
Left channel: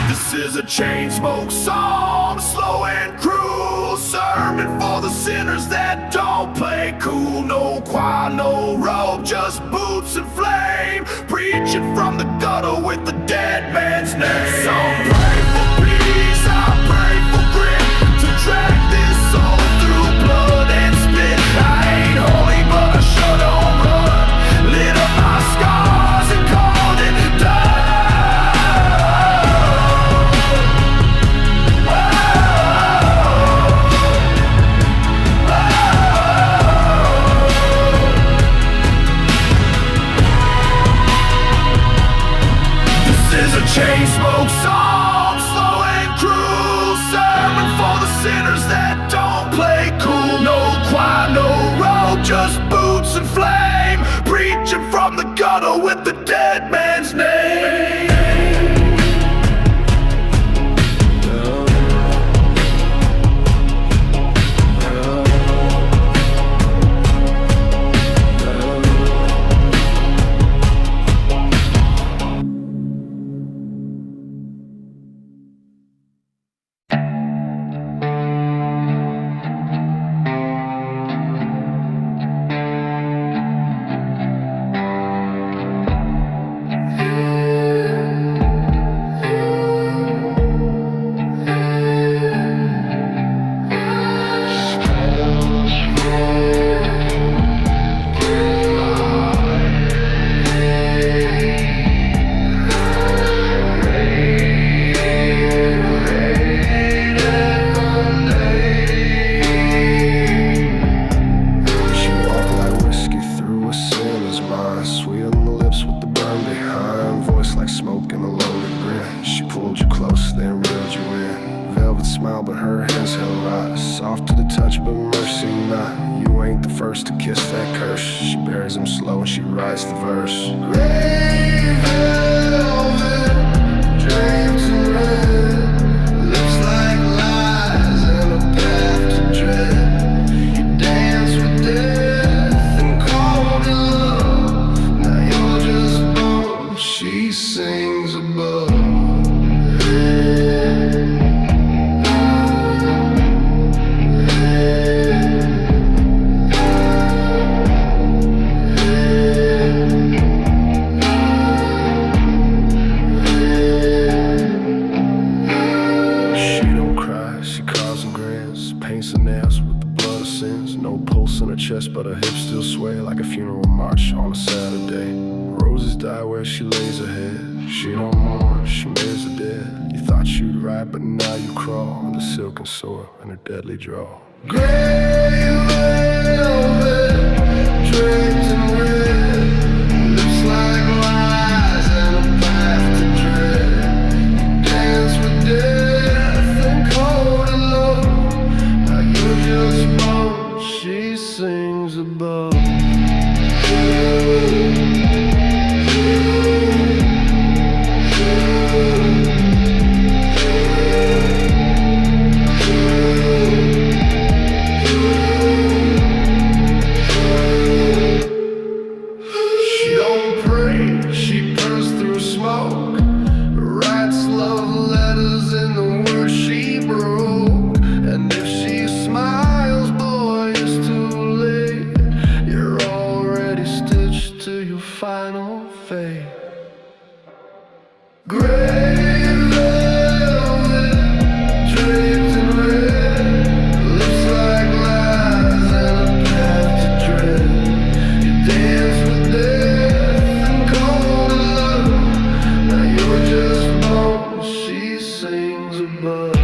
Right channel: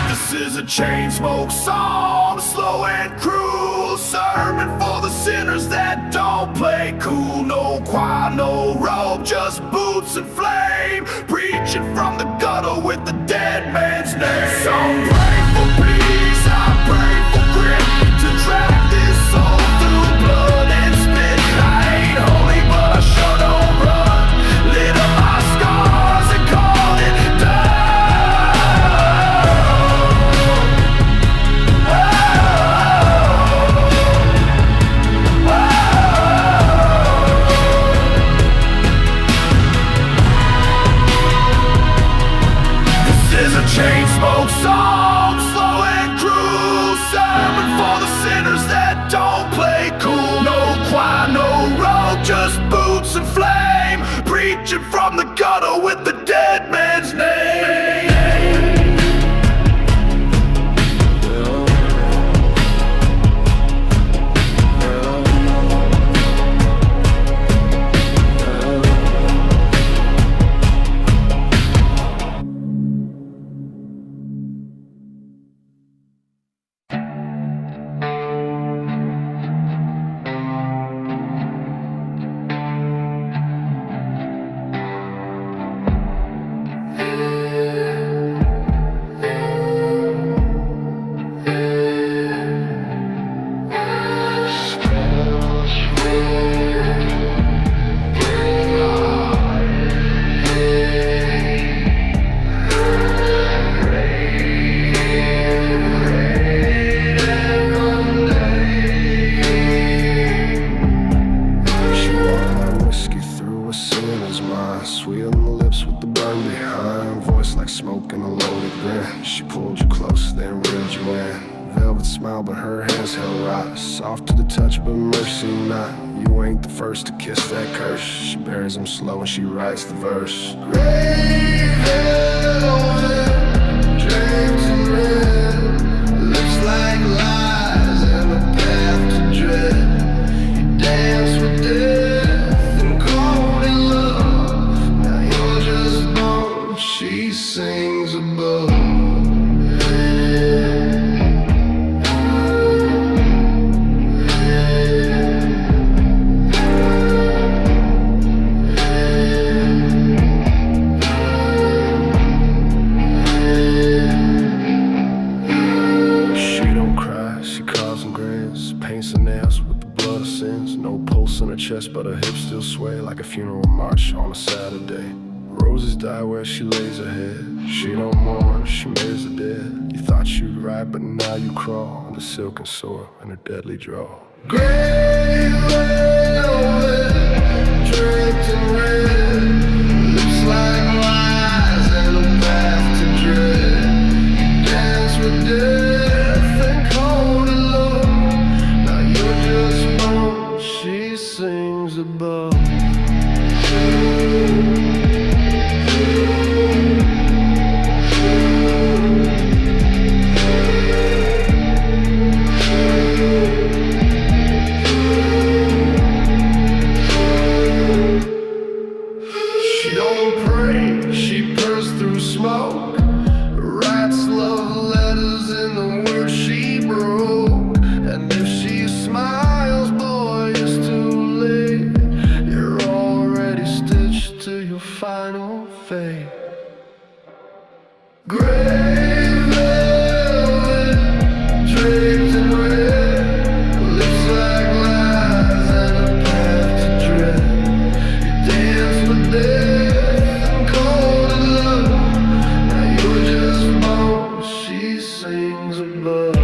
This is a chain smoke psalm, slow and cruel. Sermon for the sinners that don't play cool. No choir, no robe, just boots and flame. Preaching from the gutter with the dead man's name. Some pray for peace, I pray for grit, to drag this soul through blood and spit. I ain't holy, but I sure don't run. Lit up my scars and called it done. Chain smoke song, slow and cruel. Sermon for the sinners that don't play cool. No choir, no robe, just boots and flame. Preaching from the gutter with the dead man's name. then reeled you in. Velvet smile, but her hands held right. Soft to the touch, but mercy not. You ain't the first to kiss that curse. She buries him slow and she writes the verse. Gray velvet, draped in red, lips like lies and a path to dread. You dance with death and called it love. Now you're just bone, she sings above. She carves and grins, paints her nails with the blood of sins. No pulse in her chest, but her hips still sway like a funeral march on a Saturday. Roses die where she lays her head. She don't mourn, she mirrors the dead. You thought you'd ride, but now you crawl under silken soil and her deadly draw. Gray velvet, draped in red, lips like lies and a path to dread. You dance with death and cold it love. Now you're just bone, she sings above. She don't pray, she purrs through smoke, writes love letters in the words she broke. And if she smiles, boy, it's too late. You're already stitched to your final fate. Gray velvet, draped in red, lips like lies and a path to dread. You dance with death and cold in love. Now you're just bone, she sings above.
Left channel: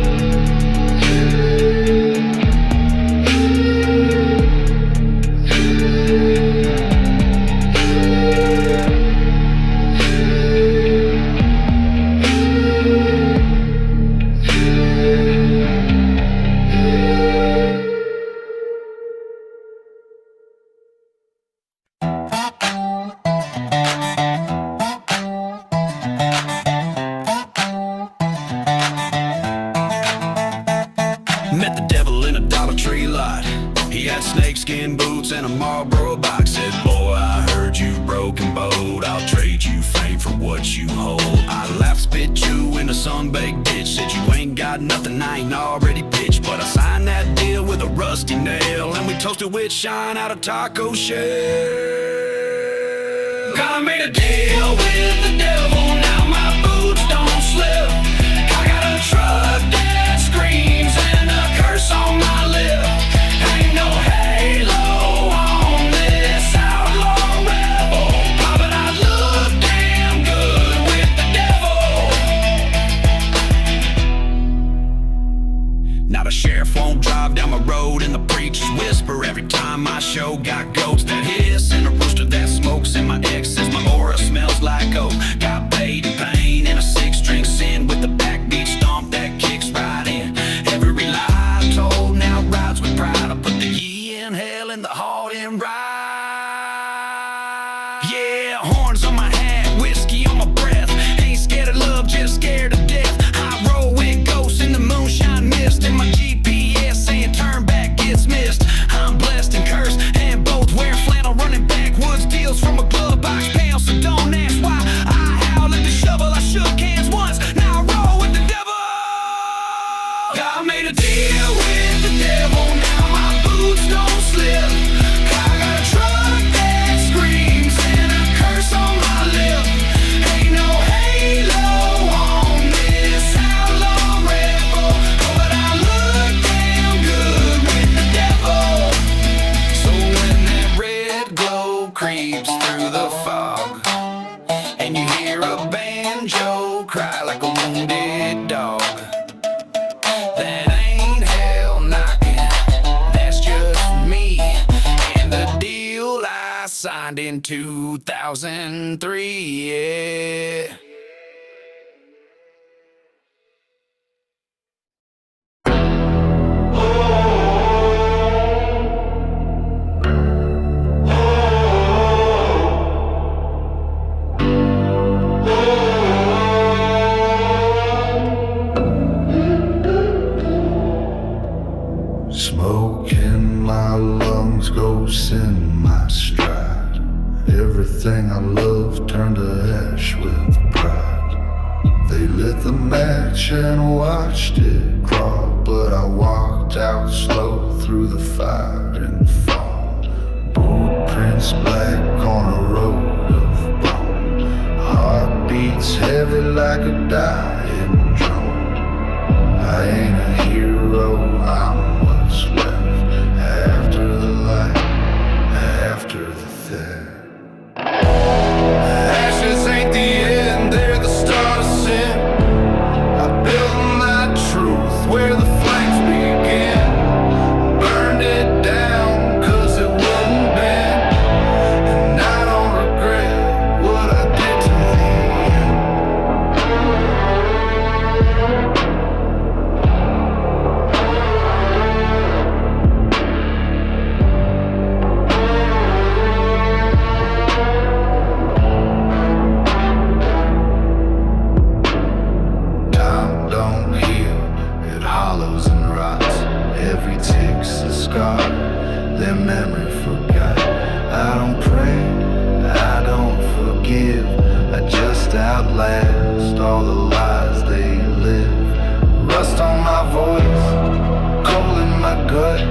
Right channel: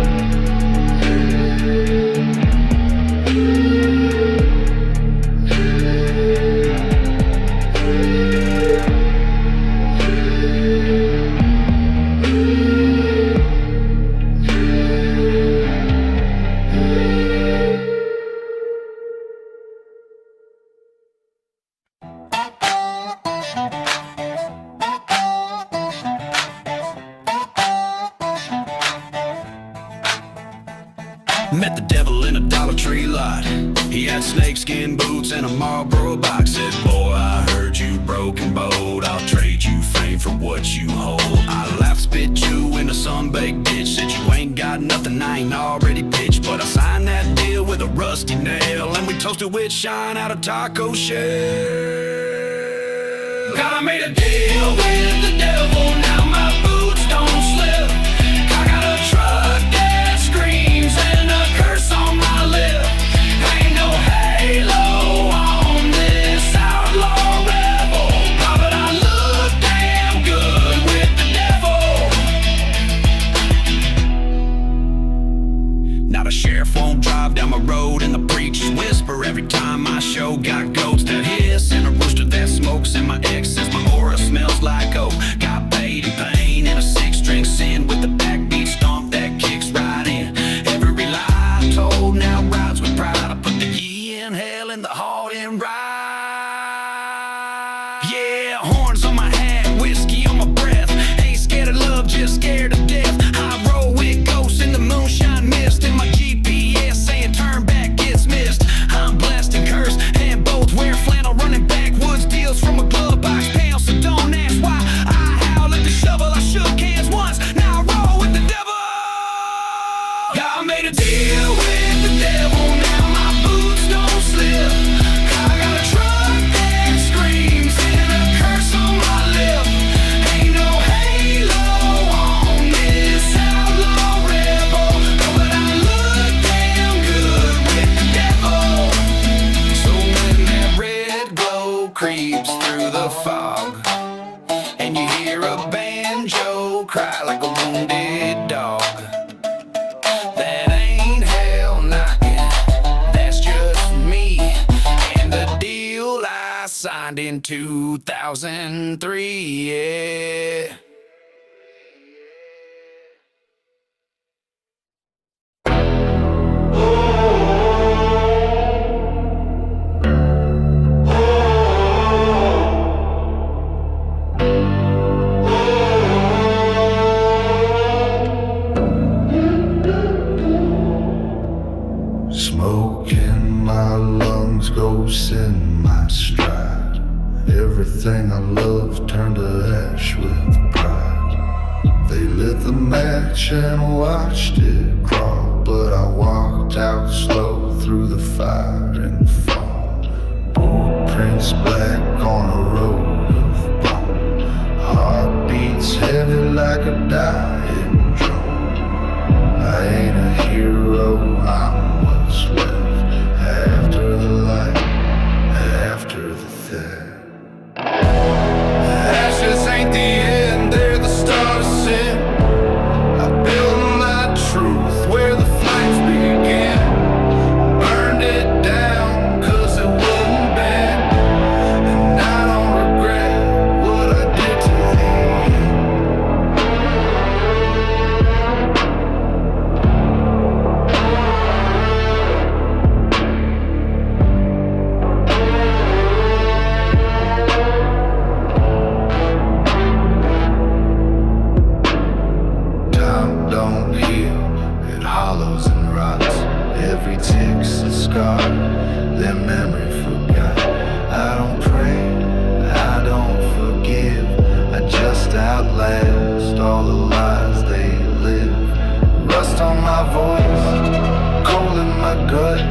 Met the devil in a Dollar Tree lot. He had snakeskin boots and a Marlboro box. Said, boy, I heard you broke and bold. I'll trade you fame for what you hold. I laughed, spit you in a sunbaked ditch. Said, you ain't got nothing I ain't already pitched. But I signed that deal with a rusty nail, and we toasted with shine out of taco shell. God, I made a deal with the devil. Now my boots don't slip. I got a truck that screams and a curse on my lip. Ain't no halo on this outlaw rebel. Oh, but I look damn good with the devil. Now the sheriff won't drive down my road, and the preachers whisper every time my show. Got goats that hiss and a rooster that smokes, and my ex says my aura smells like oak. Got paid in pain in a six-string sin with the backbeat stomp that kicks right in. Every lie I told now rides with pride. I put the ye in hell and the heart in right. Yeah, horns on my hat, whiskey on my breath. Ain't scared of love, just scared of death. I roll with ghosts in the moonshine mist, and my GPS saying turn back gets missed. I'm blessed and cursed, and both wear flannel, running backwoods deals from a glove box pound. So don't ask why I howl at the shovel. I shook hands once, now I roll with the devil. I made a deal with the devil, now my boots don't slip. I got a truck that screams and a curse on my lip. Ain't no halo on this outlaw rebel. Oh, but I look damn good with the devil. So when that red glow creeps through the fog, and you hear a banjo cry like a wounded dog, that ain't hell knocking, that's just me. And the deal I signed in 2003, yeah. Smoke in my lungs, ghosts in my stride. Everything I love turned to ash with pride. They lit the match and watched it crawl, but I walked out slow through the fire and fall. Boot prints black on a road of bone. Heart beats heavy like a dying drum. I ain't a hero, I'm what's left after the light, after the theft. Ashes ain't the end, they're the start of sin. I built my truth where the flames begin. Burned it down cause it wouldn't bend. And I don't regret what I did to the end. Time don't heal, it hollows and rots. Every tick's a scar, their memory forgot. I don't pray, I don't forgive, I just outlast all the lies they live. Rust on my voice, cold in my gut,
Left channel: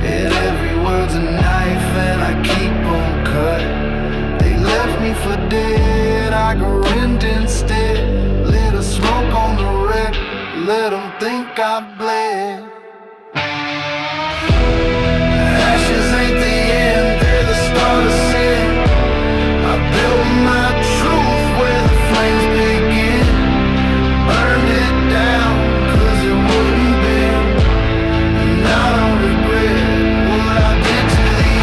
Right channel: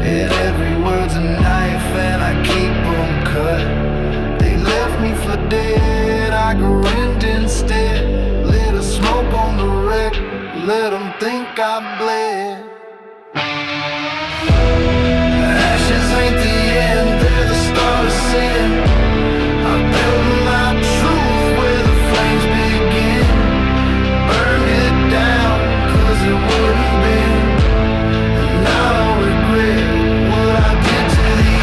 and every word's a knife and I keep them cut. They left me for dead, I grinned instead. Lit a smoke on the wreck, let them think I bled. Ashes ain't the end, they're the start of sin. I built my truth where the flames begin. Burned it down cause it wouldn't bend. And I don't regret what I did to the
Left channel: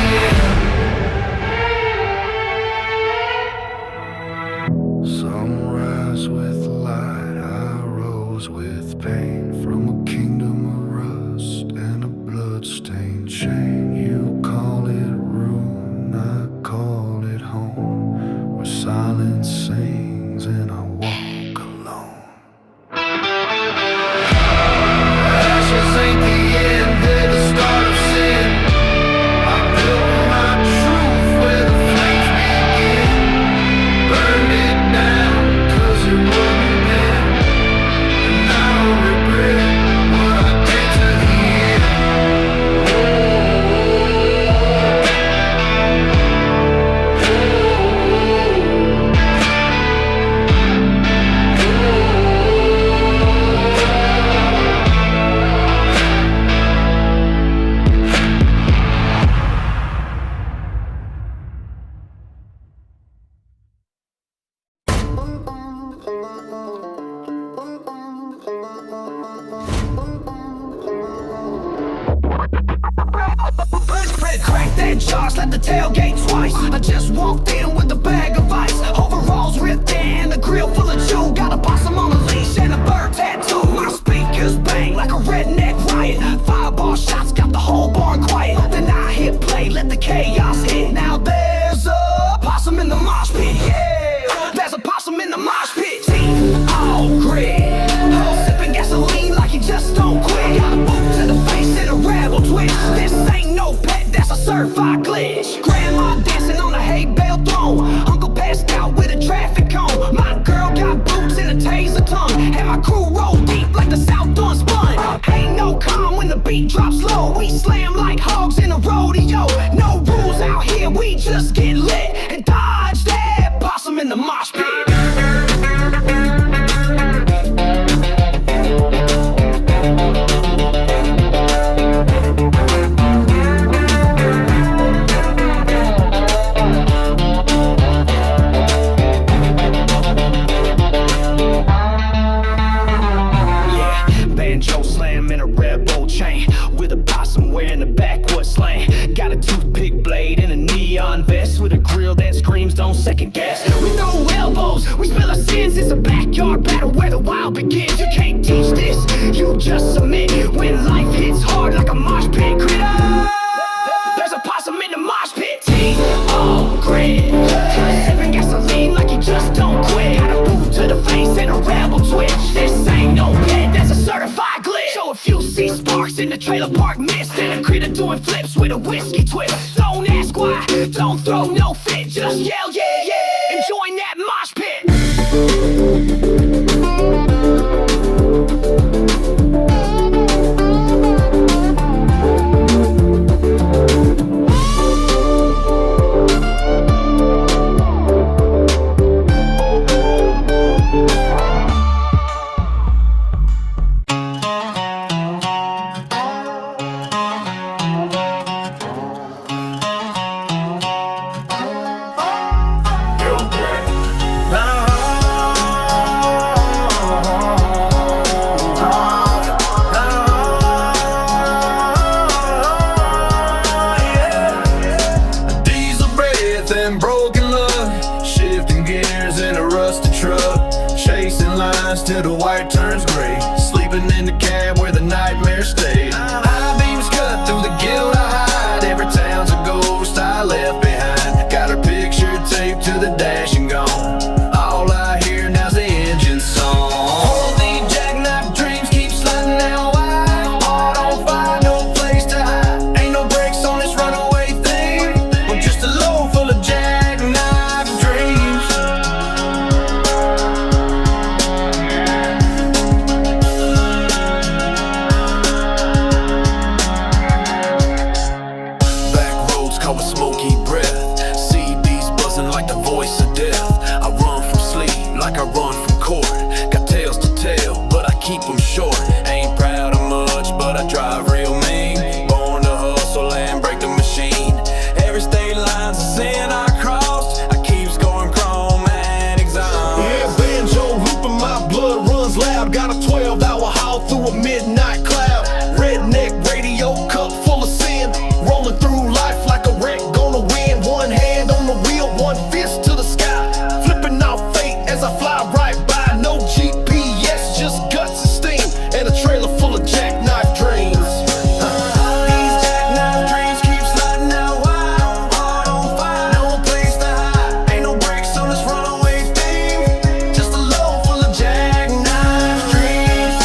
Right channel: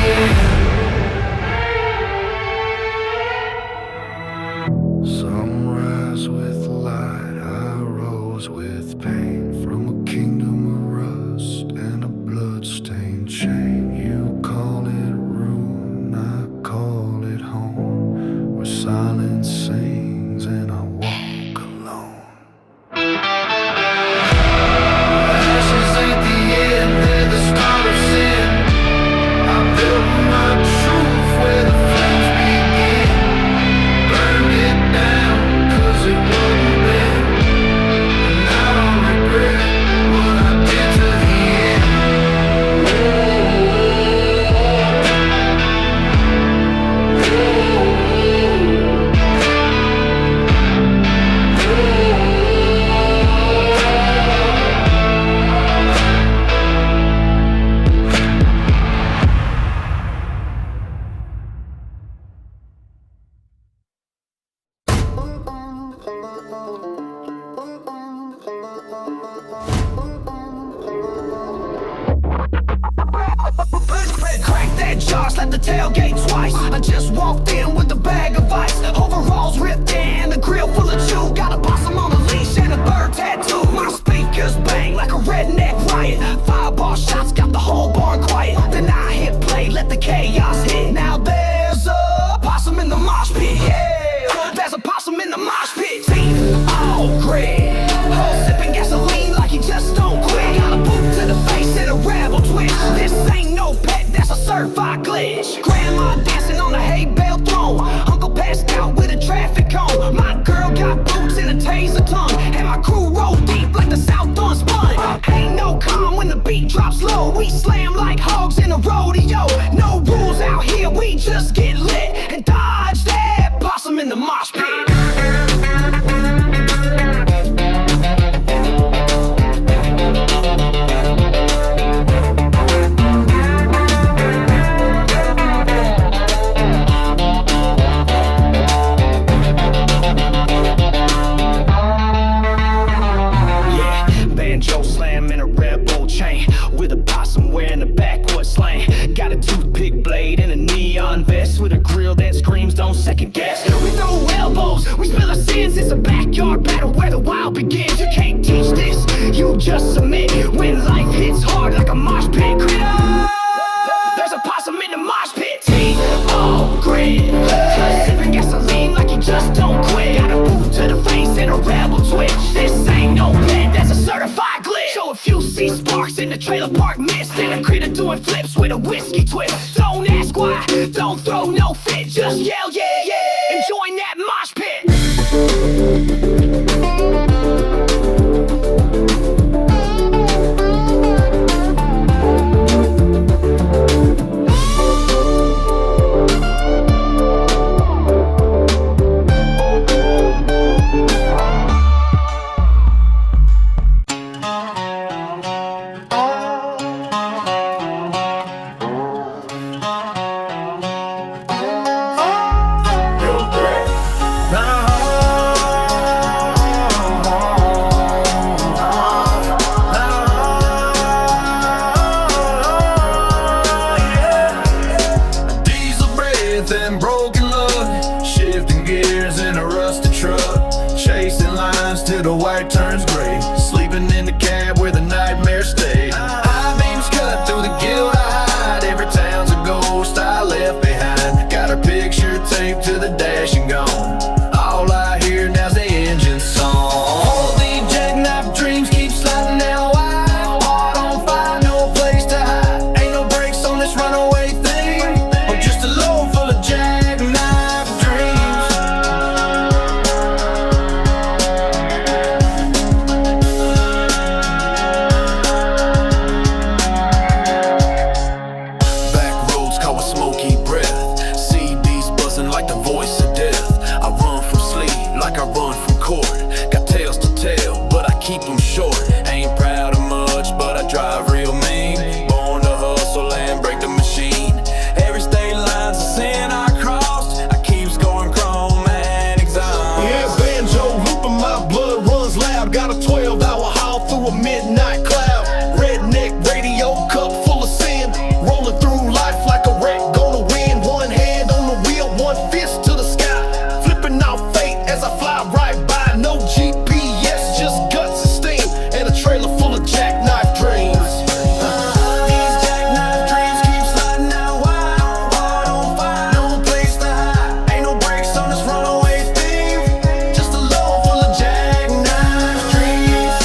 end. Some rise with light, I rose with pain. From a kingdom of rust and a blood-stained chain. You call it ruin, I call it home, where silence sings and I walk alone. Ashes ain't the end, they're the start of sin. I built my truth where the flames begin. Burned it down cause it wouldn't bend. And I don't regret what I did to the end. Crack that jaw, slap the tailgate twice. I just walked in with a bag of ice. Overalls ripped and a grill full of chew. Got a possum on a leash and a bird tattoo. My speakers bang like a redneck riot. Fireball shots got the whole barn quiet. Then I hit play, let the chaos hit. Now there's a possum in the mosh pit. Yeah, there's a possum in the mosh pit. Teeth all grit. Whole sipping gasoline like he just don't quit. Got a boot to the face and a rebel twitch. This ain't no pet, that's a certified glitch. Grandma dancing on a hay bale throne. Uncle passed out with a traffic cone. My girl got boots and a taser tongue. And my crew roll deep like the South unspun. Ain't no calm when the beat drops low. We slam like hogs in a rodeo. No rules out here, we just get lit. And dodge that possum in the mosh pit. Banjo slam in a Red Bull chain with a possum wearing a backwoods slang. Got a toothpick blade and a neon vest with a grill that screams don't second guess. We throw elbows, we spill our sins. It's a backyard battle where the wild begins. You can't teach this, you just submit. When life hits hard like a mosh pit. Critter, there's a possum in the mosh pit. Teeth all grit, sipping gasoline like he just don't quit. Got a boot to the face and a rebel twitch. This ain't no pet, that's a certified glitch. So if you see sparks in the trailer park mist, and a critter doing flips with a whiskey twist. Don't ask why, don't throw no fit, just yell yeah, yeah, and join that mosh pit. And broken luck, shifting gears in a rusted truck, chasing lines till the white turns gray, sleeping in the cab where the nightmare stayed. High beams cut through the guilt I hide, every town's a ghost I left behind. Got her picture taped to the dash and gone, all I hear now's the engine song. All these jackknife dreams keep sliding out wide, heart on fire, no place to hide. Ain't no brakes on this runaway thing, I'm just a load full of jackknife dreams. Back roads caught with smoky breath, CBs buzzing like the voice of death. I run from sleep like I run from court, got tales to tell but I keep them short. Ain't proud of much but I drive real mean, born to hustle and break the machine. Every state line's a sin I crossed, I keep scoring chrome and exam. Yeah, banjo looping, my blood runs loud. Got a 12-hour haul through a midnight cloud. Redneck radio cup full of sin, rolling through life like a wreck gonna win. One hand on the wheel, one fist to the sky, flipping off fate as I fly right by. No GPS, just guts and steam, and a trailer full of jackknife dreams. These jackknife dreams keep sliding out wide, heart on fire, no place to hide. Ain't no brakes on this runaway thing, just a load full of jackknife dreams.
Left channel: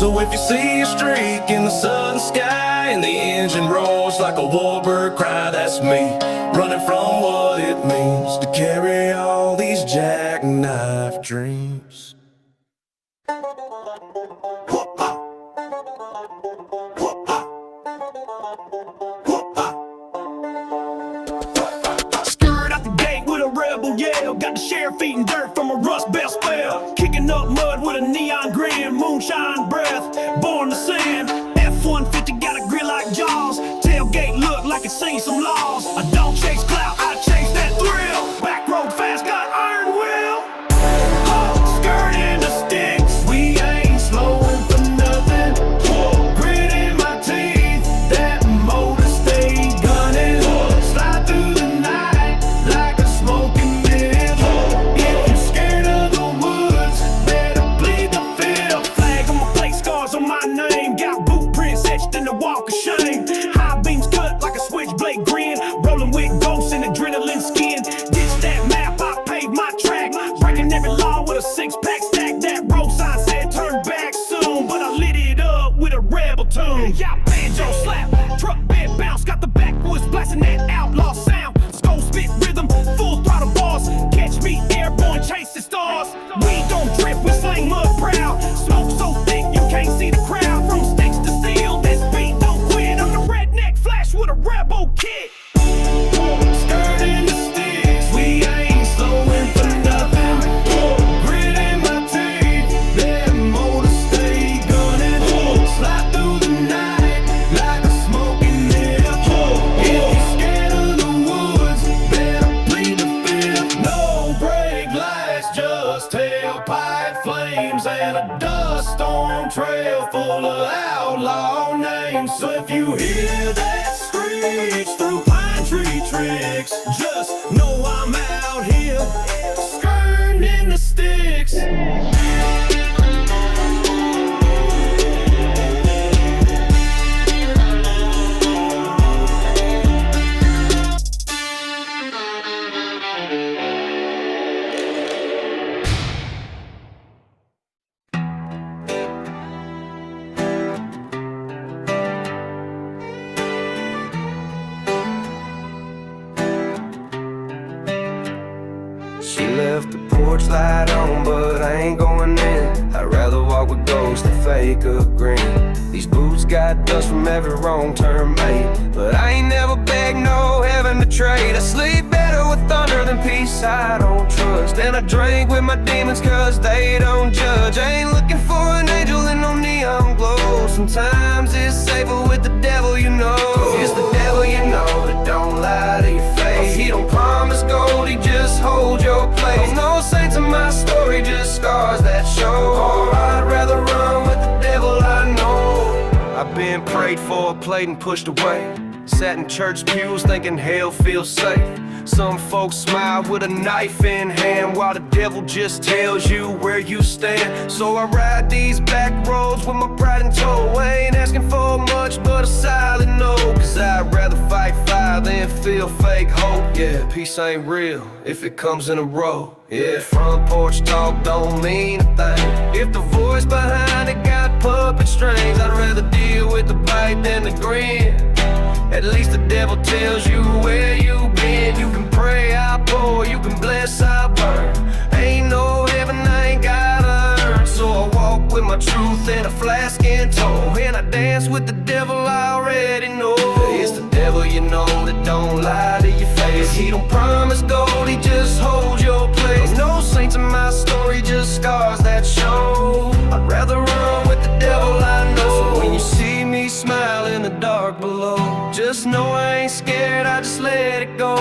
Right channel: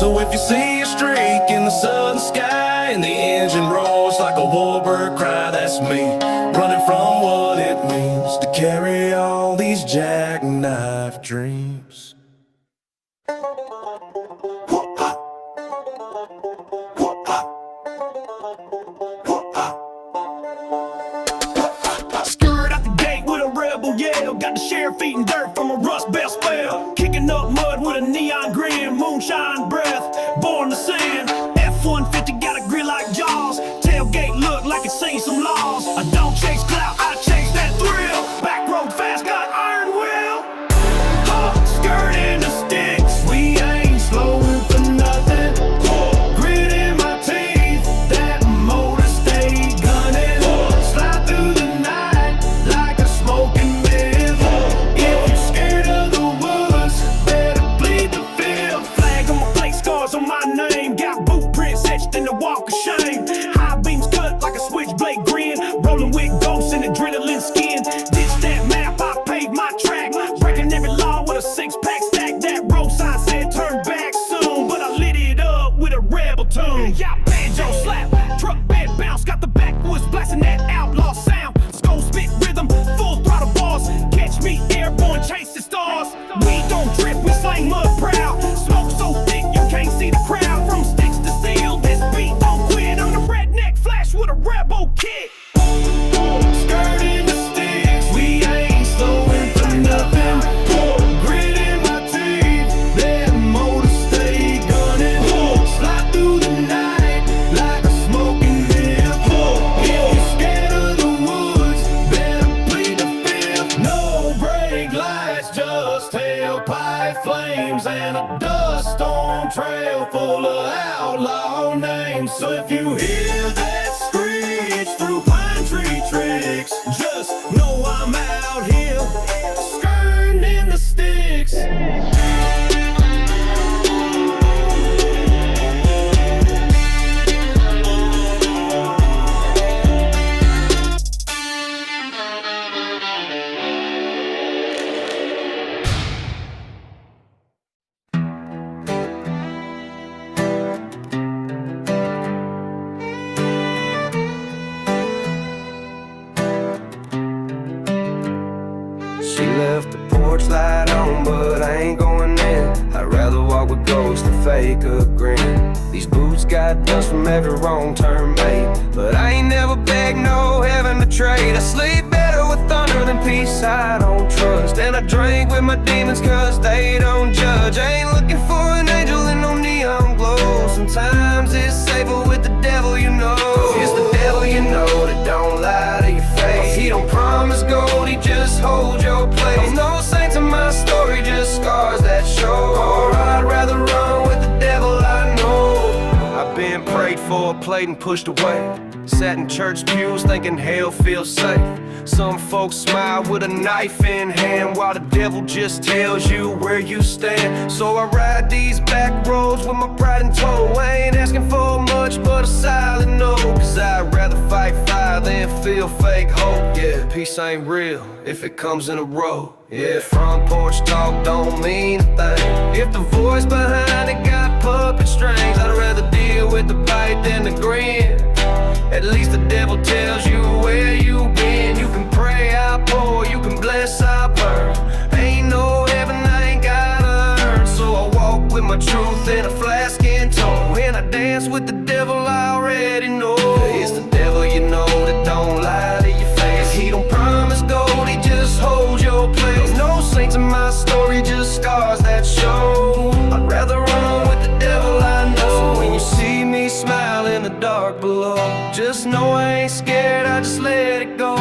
So if you see a streak in the southern sky and the engine roars like a warbird cry, that's me, running from what it means to carry all these jackknife dreams. Stirred out the gate with a rebel yell, got the sheriff eating dirt from a rust belt spell, kicking up mud with a neon grin, moonshine breath, born to sin. F-150 got a grill like Jaws, tailgate look like it's seen some laws. I don't chase clout, I chase that thrill, back road fast, got iron will. Skirt in the sticks, we ain't slowing for nothing. Grit in my teeth, that motor stay gunning. Slide through the night like a smoking myth. If you're scared of the woods, better plead the fifth. Flag on my plate, scars on my name, got boot prints etched in the walk of shame. High beams cut like a switchblade grin, rolling with ghosts and adrenaline skin. Ditch that map, I paved my track, breaking every law with a six-pack stack. That road sign said turn back soon, but I lit it up with a rebel tune. Yeah, banjo slap, truck bed bounce, got the backwoods blasting that outlaw sound. Skull spit rhythm, full throttle bars, catch me airborne chasing stars. We don't trip, we slang mud proud, smoke so thick you can't see the crowd. From sticks to steel, this beat don't quit. I'm the redneck flash with a rebel kit. Skirt in the sticks, we ain't slowing for nothing. Grit in my teeth, that motor stay gunning. Slide through the night like a smoking myth. If you're scared of the woods, better plead the fifth. No brake lights, just tailpipe flames and a dust storm trail full of outlaw names. So if you hear that screech through pine tree tricks, just know I'm out here, skirting in the sticks. She left the porch light on, but I ain't going in. I'd rather walk with ghosts than fake a grin. These boots got dust from every wrong turn made, but I ain't never begged no heaven to trade. I sleep better with thunder than peace I don't trust, and I drink with my demons cause they don't judge. I ain't looking for an angel in no neon glow. Sometimes it's safer with the devil, you know. It's the devil, you know, that don't lie to your face. He don't promise gold, he just holds your place. No saints in my story, just scars that show. Or I'd rather run with the devil I know. I've been prayed for, played and pushed away. Sat in church pews thinking hell feels safe. Some folks smile with a knife in hand, while the devil just tells you where you stand. So I ride these back roads with my pride in tow. I ain't asking for much but a silent no, cause I'd rather fight fire than feel fake hope. Yeah, peace ain't real if it comes in a row. Yeah, front porch talk don't mean a thing if the voice behind it got puppet strings. I'd rather deal with the bite than the grin. At least the devil tells you where you been. You can pray, I pour, you can bless, I burn. Ain't no heaven I ain't gotta earn. So I walk with my truth in a flask in tow, and I dance with the devil I already know. It's the devil, you know, that don't lie to your face. He don't promise gold, he just holds your place. No saints in my story, just scars that show. I'd rather run with the devil I know. So when you see me smile in the dark below, just know I ain't scared, I just let it go.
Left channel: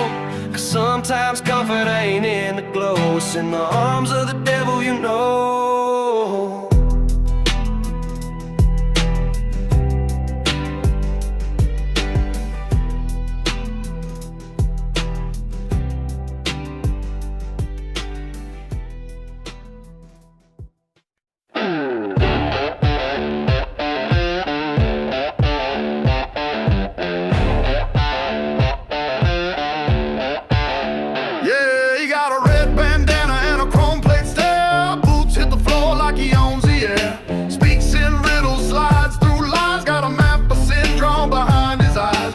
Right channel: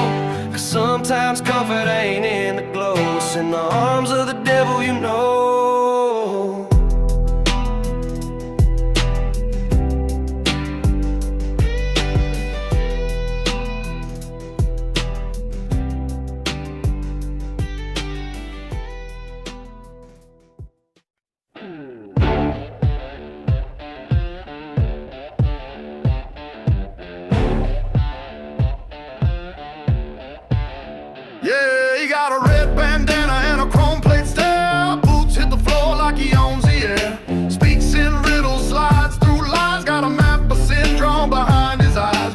Cause sometimes comfort ain't in the glow, it's in the arms of the devil, you know.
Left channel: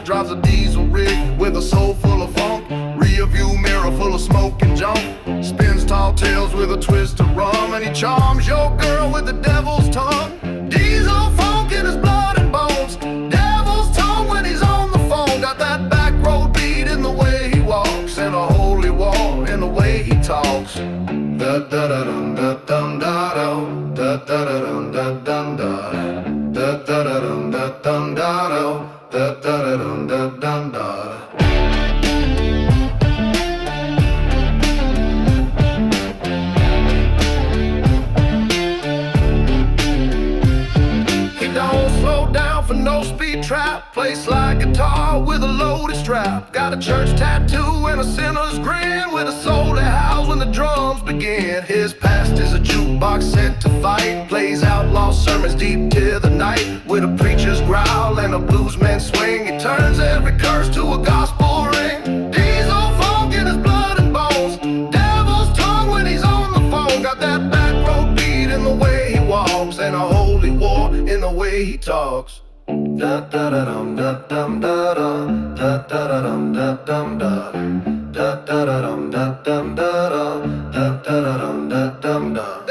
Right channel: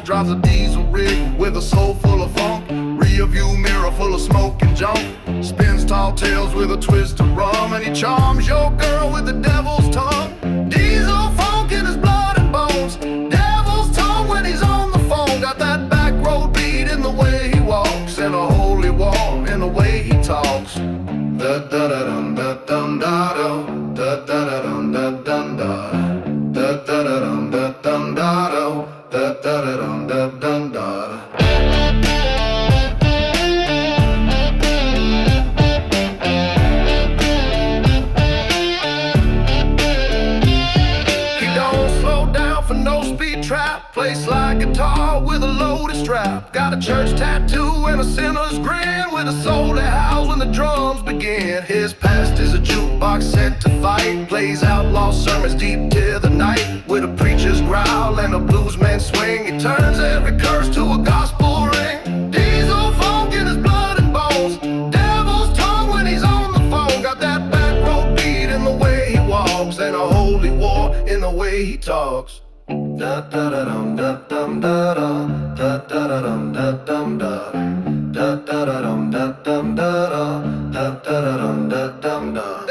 Drives a diesel rig with a soul full of funk. Rear view mirror full of smoke and junk. Spins tall tales with a twist of rum, and he charms your girl with the devil's tongue. Diesel funk in his blood and bones. Devil's tongue when he's on the phone. Got that back road beat in the way he walks, and a holy war in the way he talks. Da da da dum da dum da do. Da da da dum da dum da do. Da da da dum da dum da do. Da da da dum da dum da. He don't slow down for no speed trap. Plays like guitar with a loaded strap. Got a church tattoo and a sinner's grin, with a soul that howls when the drums begin. His past is a jukebox set to fight. Plays outlaw sermons deep till the night, with a preacher's growl and a bluesman's swing. He turns every curse to a gospel ring. Diesel funk in his blood and bones. Devil's tongue when he's on the phone. Got that back road beat in the way he walks, and a holy war in the way he talks. Da da da dum da dum da da. Da da da dum da dum da. Da da da dum da dum da da. Da da da dum da dum da.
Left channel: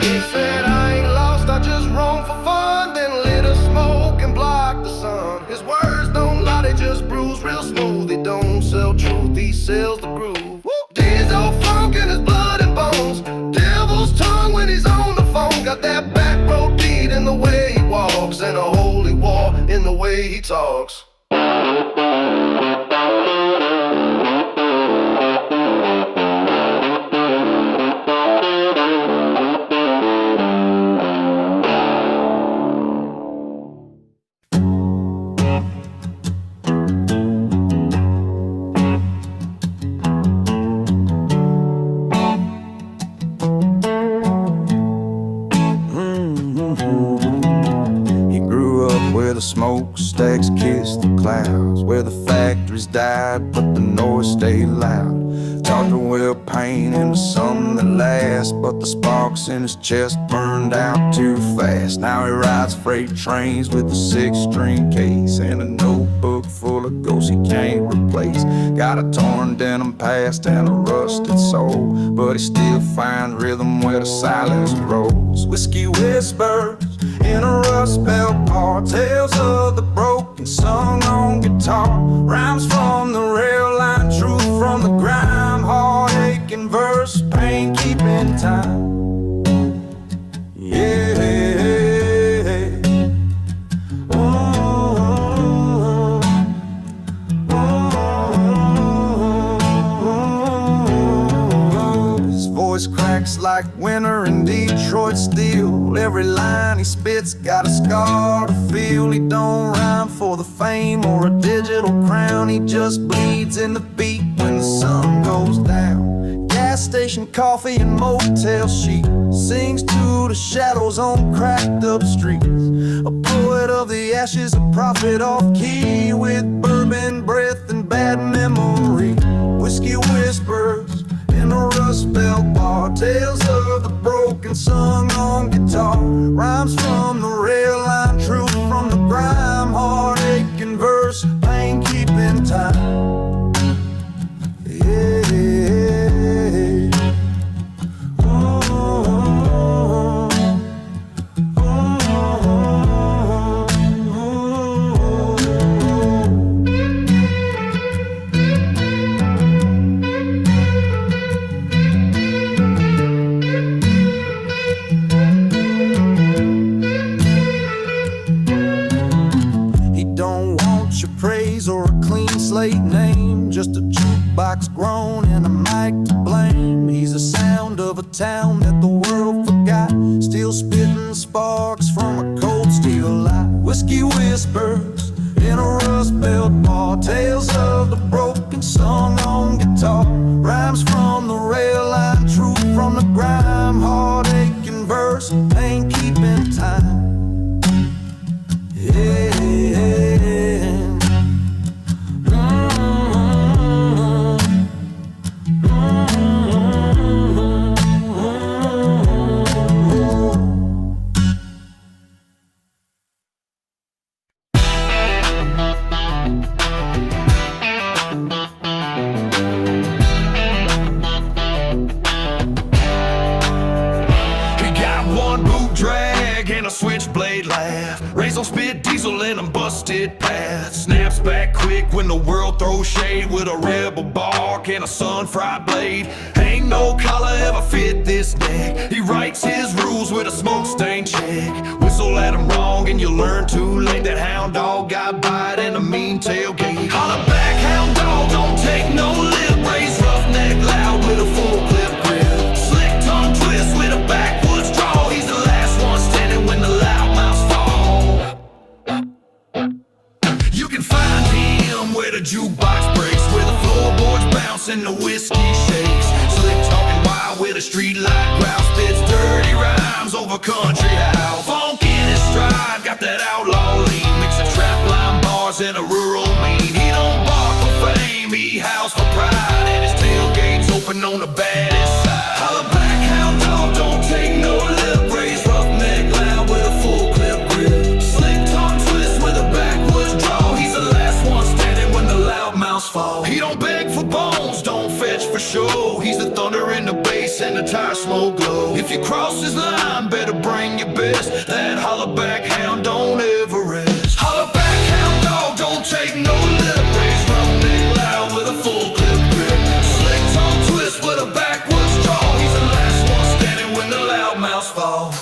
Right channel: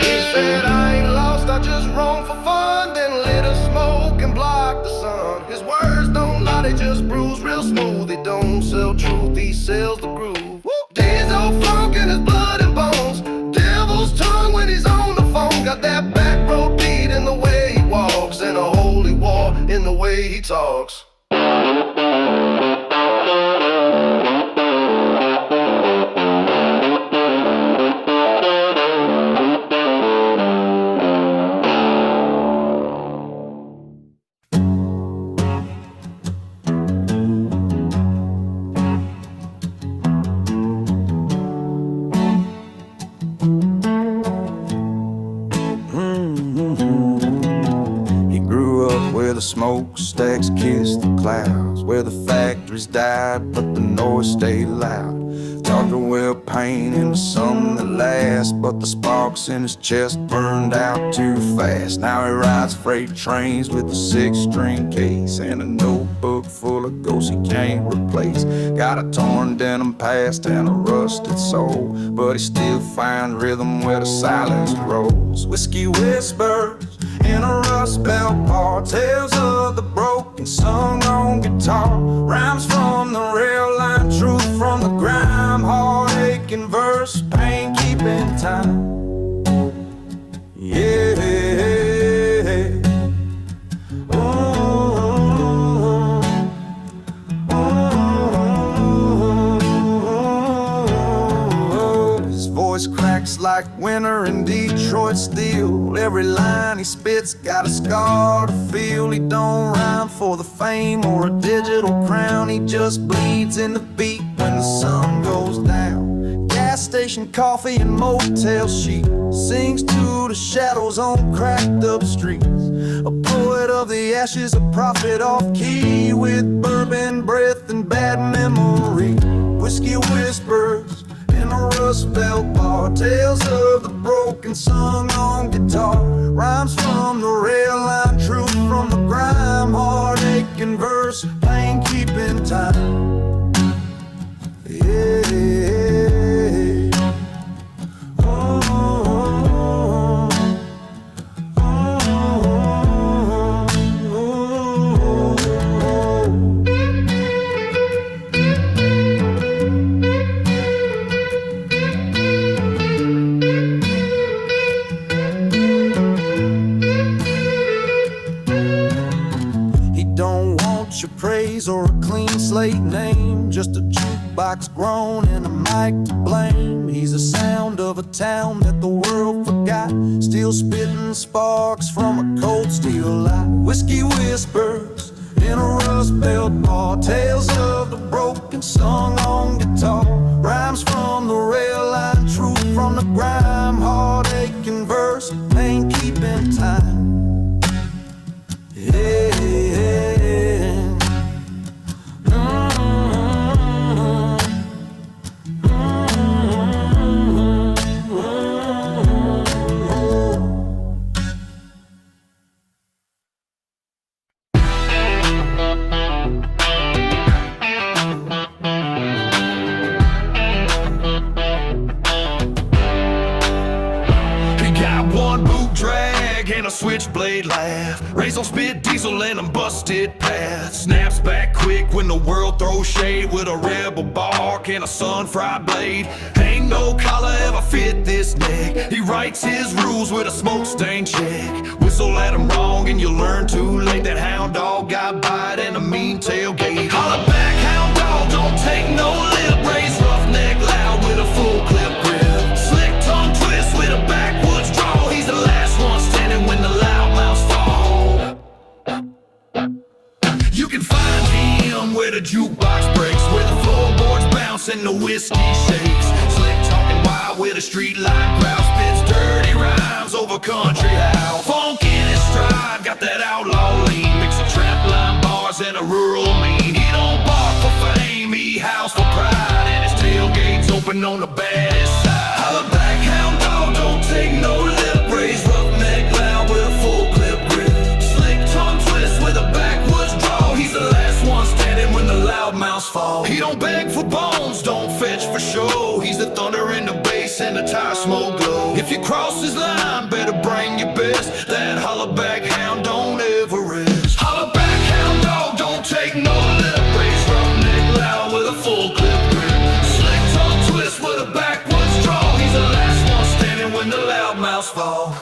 He said I ain't lost, I just roam for fun. Then lit a smoke and blocked the sun. His words don't lie, they just bruise real smooth. He don't sell truth, he sells the groove. Diesel funk in his blood and bones. Devil's tongue when he's on the phone. Got that back road beat in the way he walks, and a holy war in the way he talks. Smokestacks kiss the clouds, where the factories died but the noise stayed loud. taught to wear pain into something that lasts, but the sparks in his chest burned out too fast. Now he rides freight trains with a 6-string case and a notebook full of ghosts he can't replace. Got a torn denim past and a rusted soul, but he still finds rhythm where the silence grows. Whiskey whispers in a rust belt bar, tales of the broken sung on guitar, rhymes from the rail line, truth from the grime, heartache in verse, pain keeping time. Yeah. His voice cracks like winter in Detroit steel. Every line he spits got a scar to feel. He don't rhyme for the fame or a digital crown. He just bleeds in the beat when the sun goes down. Gas station coffee and motel sheet, sings to the shadows on cracked up streets. A poet of the ashes, a prophet off key, with bourbon breath and bad memory. Whiskey whispers in a rust belt bar, tales of the broken sung on guitar, rhymes from the rail line, truth from the grime, heartache in verse, pain keeping time. Yeah. Your praise or a clean slate name, just a jukebox grown and a mic to blame. He's the sound of a town that the world forgot, still spitting sparks from a cold steel light. Whiskey whispers in a rust belt bar, tales of the broken sung on guitar, rhymes from the rail line, truth from the grime, heartache in verse, pain keeping time. Yeah. And a switchblade laugh, rays on spit diesel in a busted path. Snaps back quick when the world throws shade, with a rebel bark and a sun-fried blade. Ain't no collar ever fit this neck. He writes his rules with a smoke-stained check. Whistle at him wrong and you'll learn too late that hound dog got bite and a mean tailgate. Holler back, hound dog, don't take no lip. Raise roughneck loud with a full clip grip. Slick tongue twist with a backwoods draw. He's the last one standing when the loudmouths fall. You can find him where the jukebox breaks, where the floorboards bounce and the whiskey shakes. Slick talking wild with a street light growl, spits dirty rhymes over country howl. Funk in his stride, got that outlaw lean, mix of trap line bars and a rural mean. He don't bark for fame, he howls for pride, and his tailgate's open on the baddest side. Holler back, hound dog, don't take no lip. Raise roughneck loud with a full clip grip. Slick tongue twist with a backwoods draw. He's the last one standing when the loudmouths fall. He don't beg for bones, don't fetch for show. He's the thunder in the bass and the tire smoke glow. If you cross his line, better bring your best. That hollaback hound don't ever rest. Hollaback hound dog, don't take no lip. Raise roughneck loud with a full clip grip. Slick tongue twist with a backwoods draw. He's the last one standing when the loudmouths fall.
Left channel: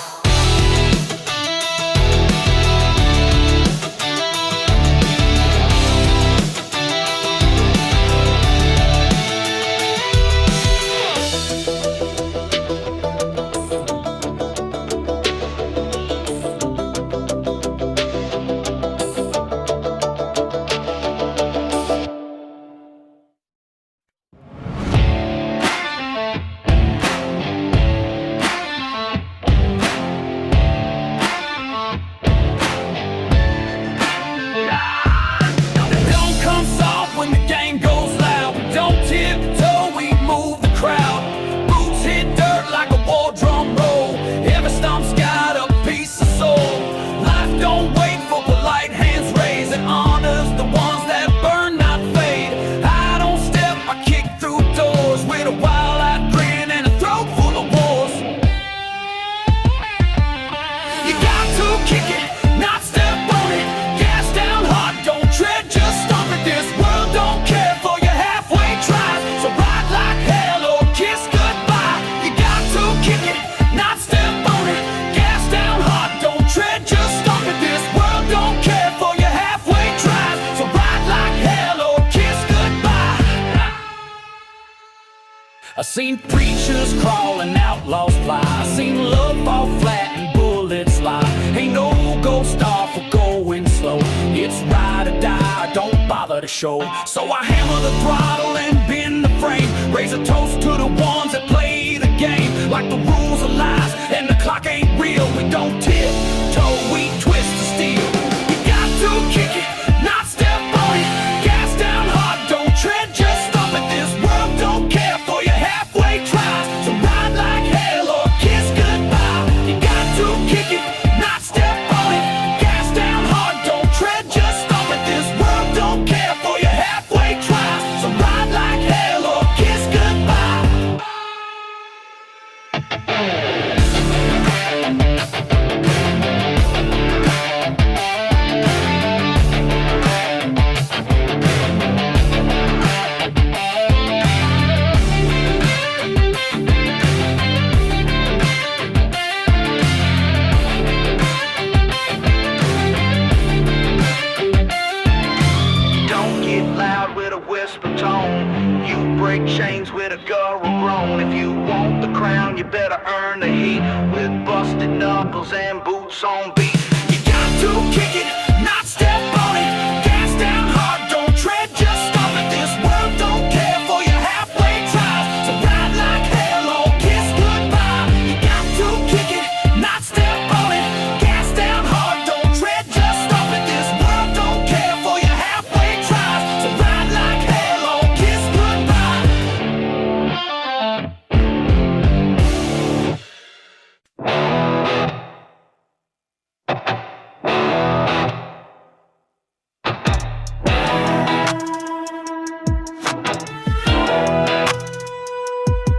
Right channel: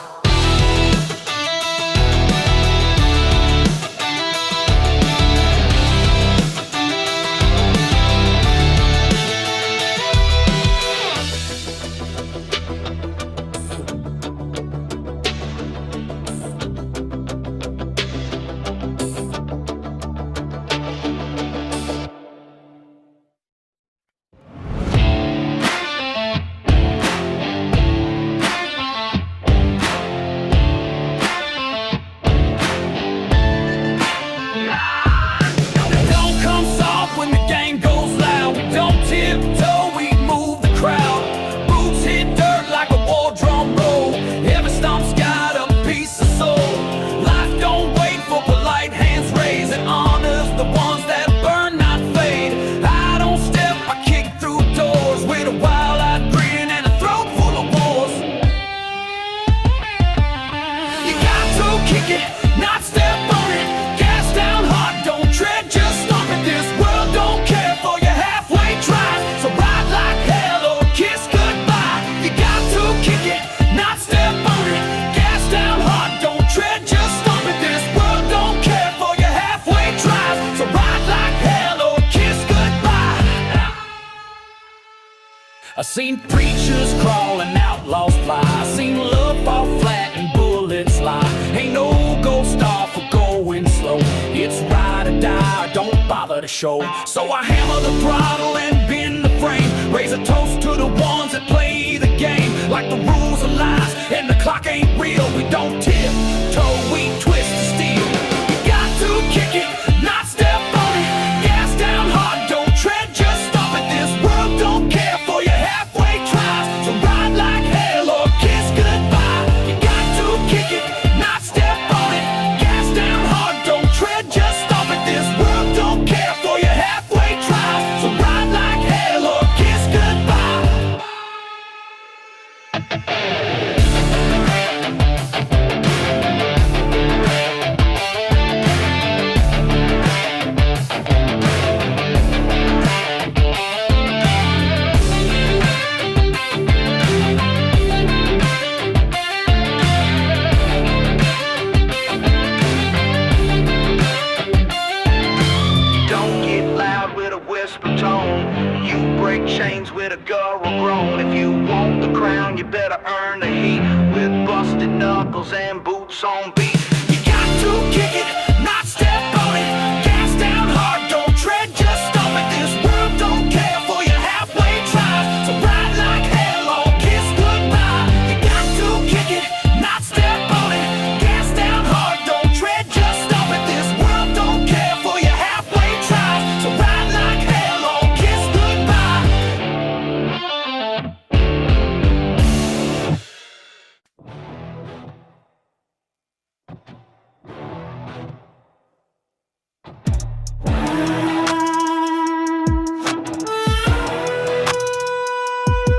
kick it, not step on it. Gas down hard, don't tread, just stomp it. This world don't care for your halfway tries, so ride like hell or kiss goodbye. You got to kick it, not step on it. Gas down hard, don't tread, just stomp it. This world don't care for your halfway tries, so ride like hell or kiss goodbye. I seen preachers crawl and outlaws fly. I seen love fall flat and bullets lie. Ain't no gold star for going slow. It's ride or die, or don't bother to show. So I hammer the throttle and bend the frame. Raise a toast to the ones that play the game like the rules are lies and the clock ain't real. We don't tiptoe, we twist the steel. You got to kick it, not step on it. Gas down hard, don't tread, just stop it. This world don't care for your halfway tries, so ride like hell or kiss goodbye. You got to kick it, not step on it. Gas down hard, don't tread, just stop it. This world don't care for your halfway tries, so ride like hell or kiss goodbye. Don't get loud with a whisper tone. You break chains with a guttural groan. If you want the crown, you better earn the heat with busted knuckles and boots on beat. You got to kick it, not step on it. Gas down hard, don't tread, just stop it. This world don't care for your halfway tries, so ride like hell or kiss goodbye. You got to kick it, not step on it. Gas down hard, don't tread, just stop it. This world don't care for your halfway tries, so ride like hell or kiss goodbye.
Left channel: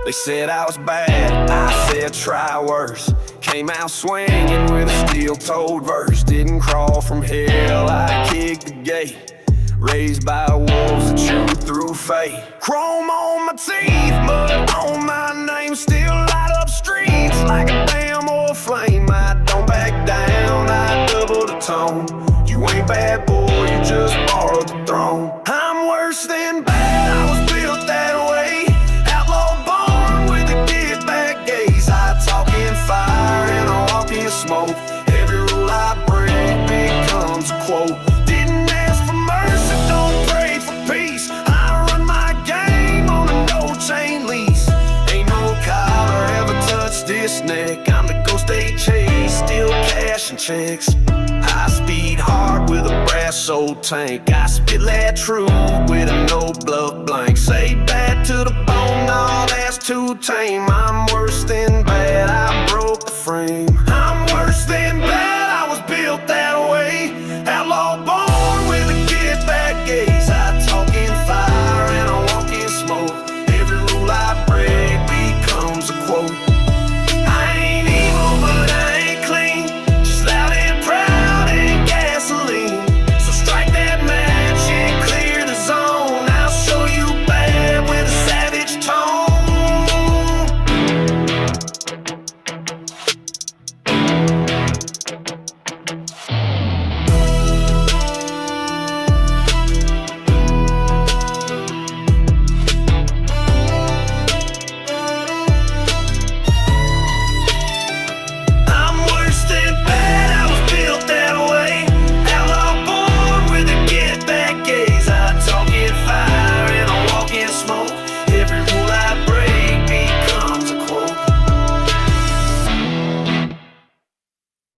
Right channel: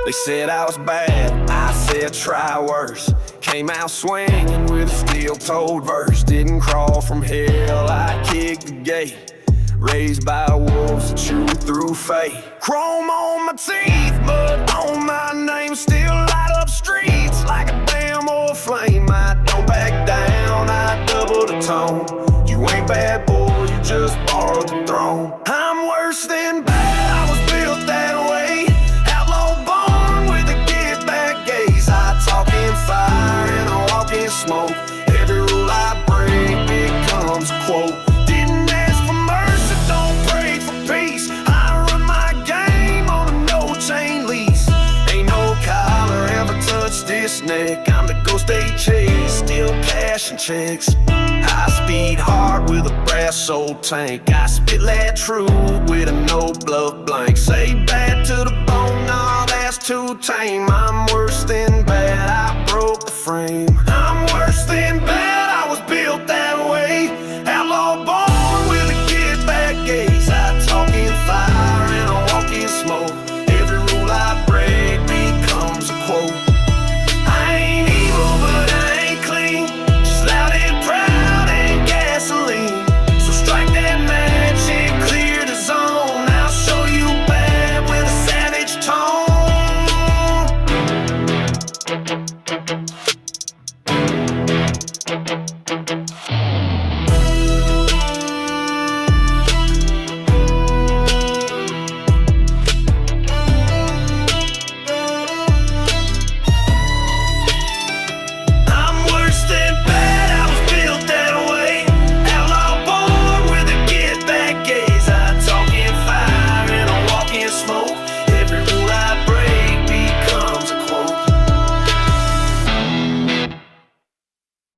They said I was bad, I said try worse. Came out swinging with a steel-toed verse. Didn't crawl from hell, I kicked the gate. Raised by wolves that chew through fate. Chrome on my teeth, mud on my name. Still light up streets like a damn old flame. I don't back down, I double the tone. You ain't bad boy, you just borrowed the throne. I'm worse than bad, I was built that way. Outlaw born with a get back gaze. I talk in fire and I walk in smoke. Every rule I break becomes a quote. Didn't ask for mercy, don't pray for peace. I run my game on a no-chain lease. Ain't no collar ever touched this neck. I'm the ghost they chase, still cashing checks. High speed heart with a brass old tank. I spit that truth with a no bluff blank. Say bad to the bone, nah, that's too tame. I'm worse than bad, I broke the frame. I'm worse than bad, I was built that way.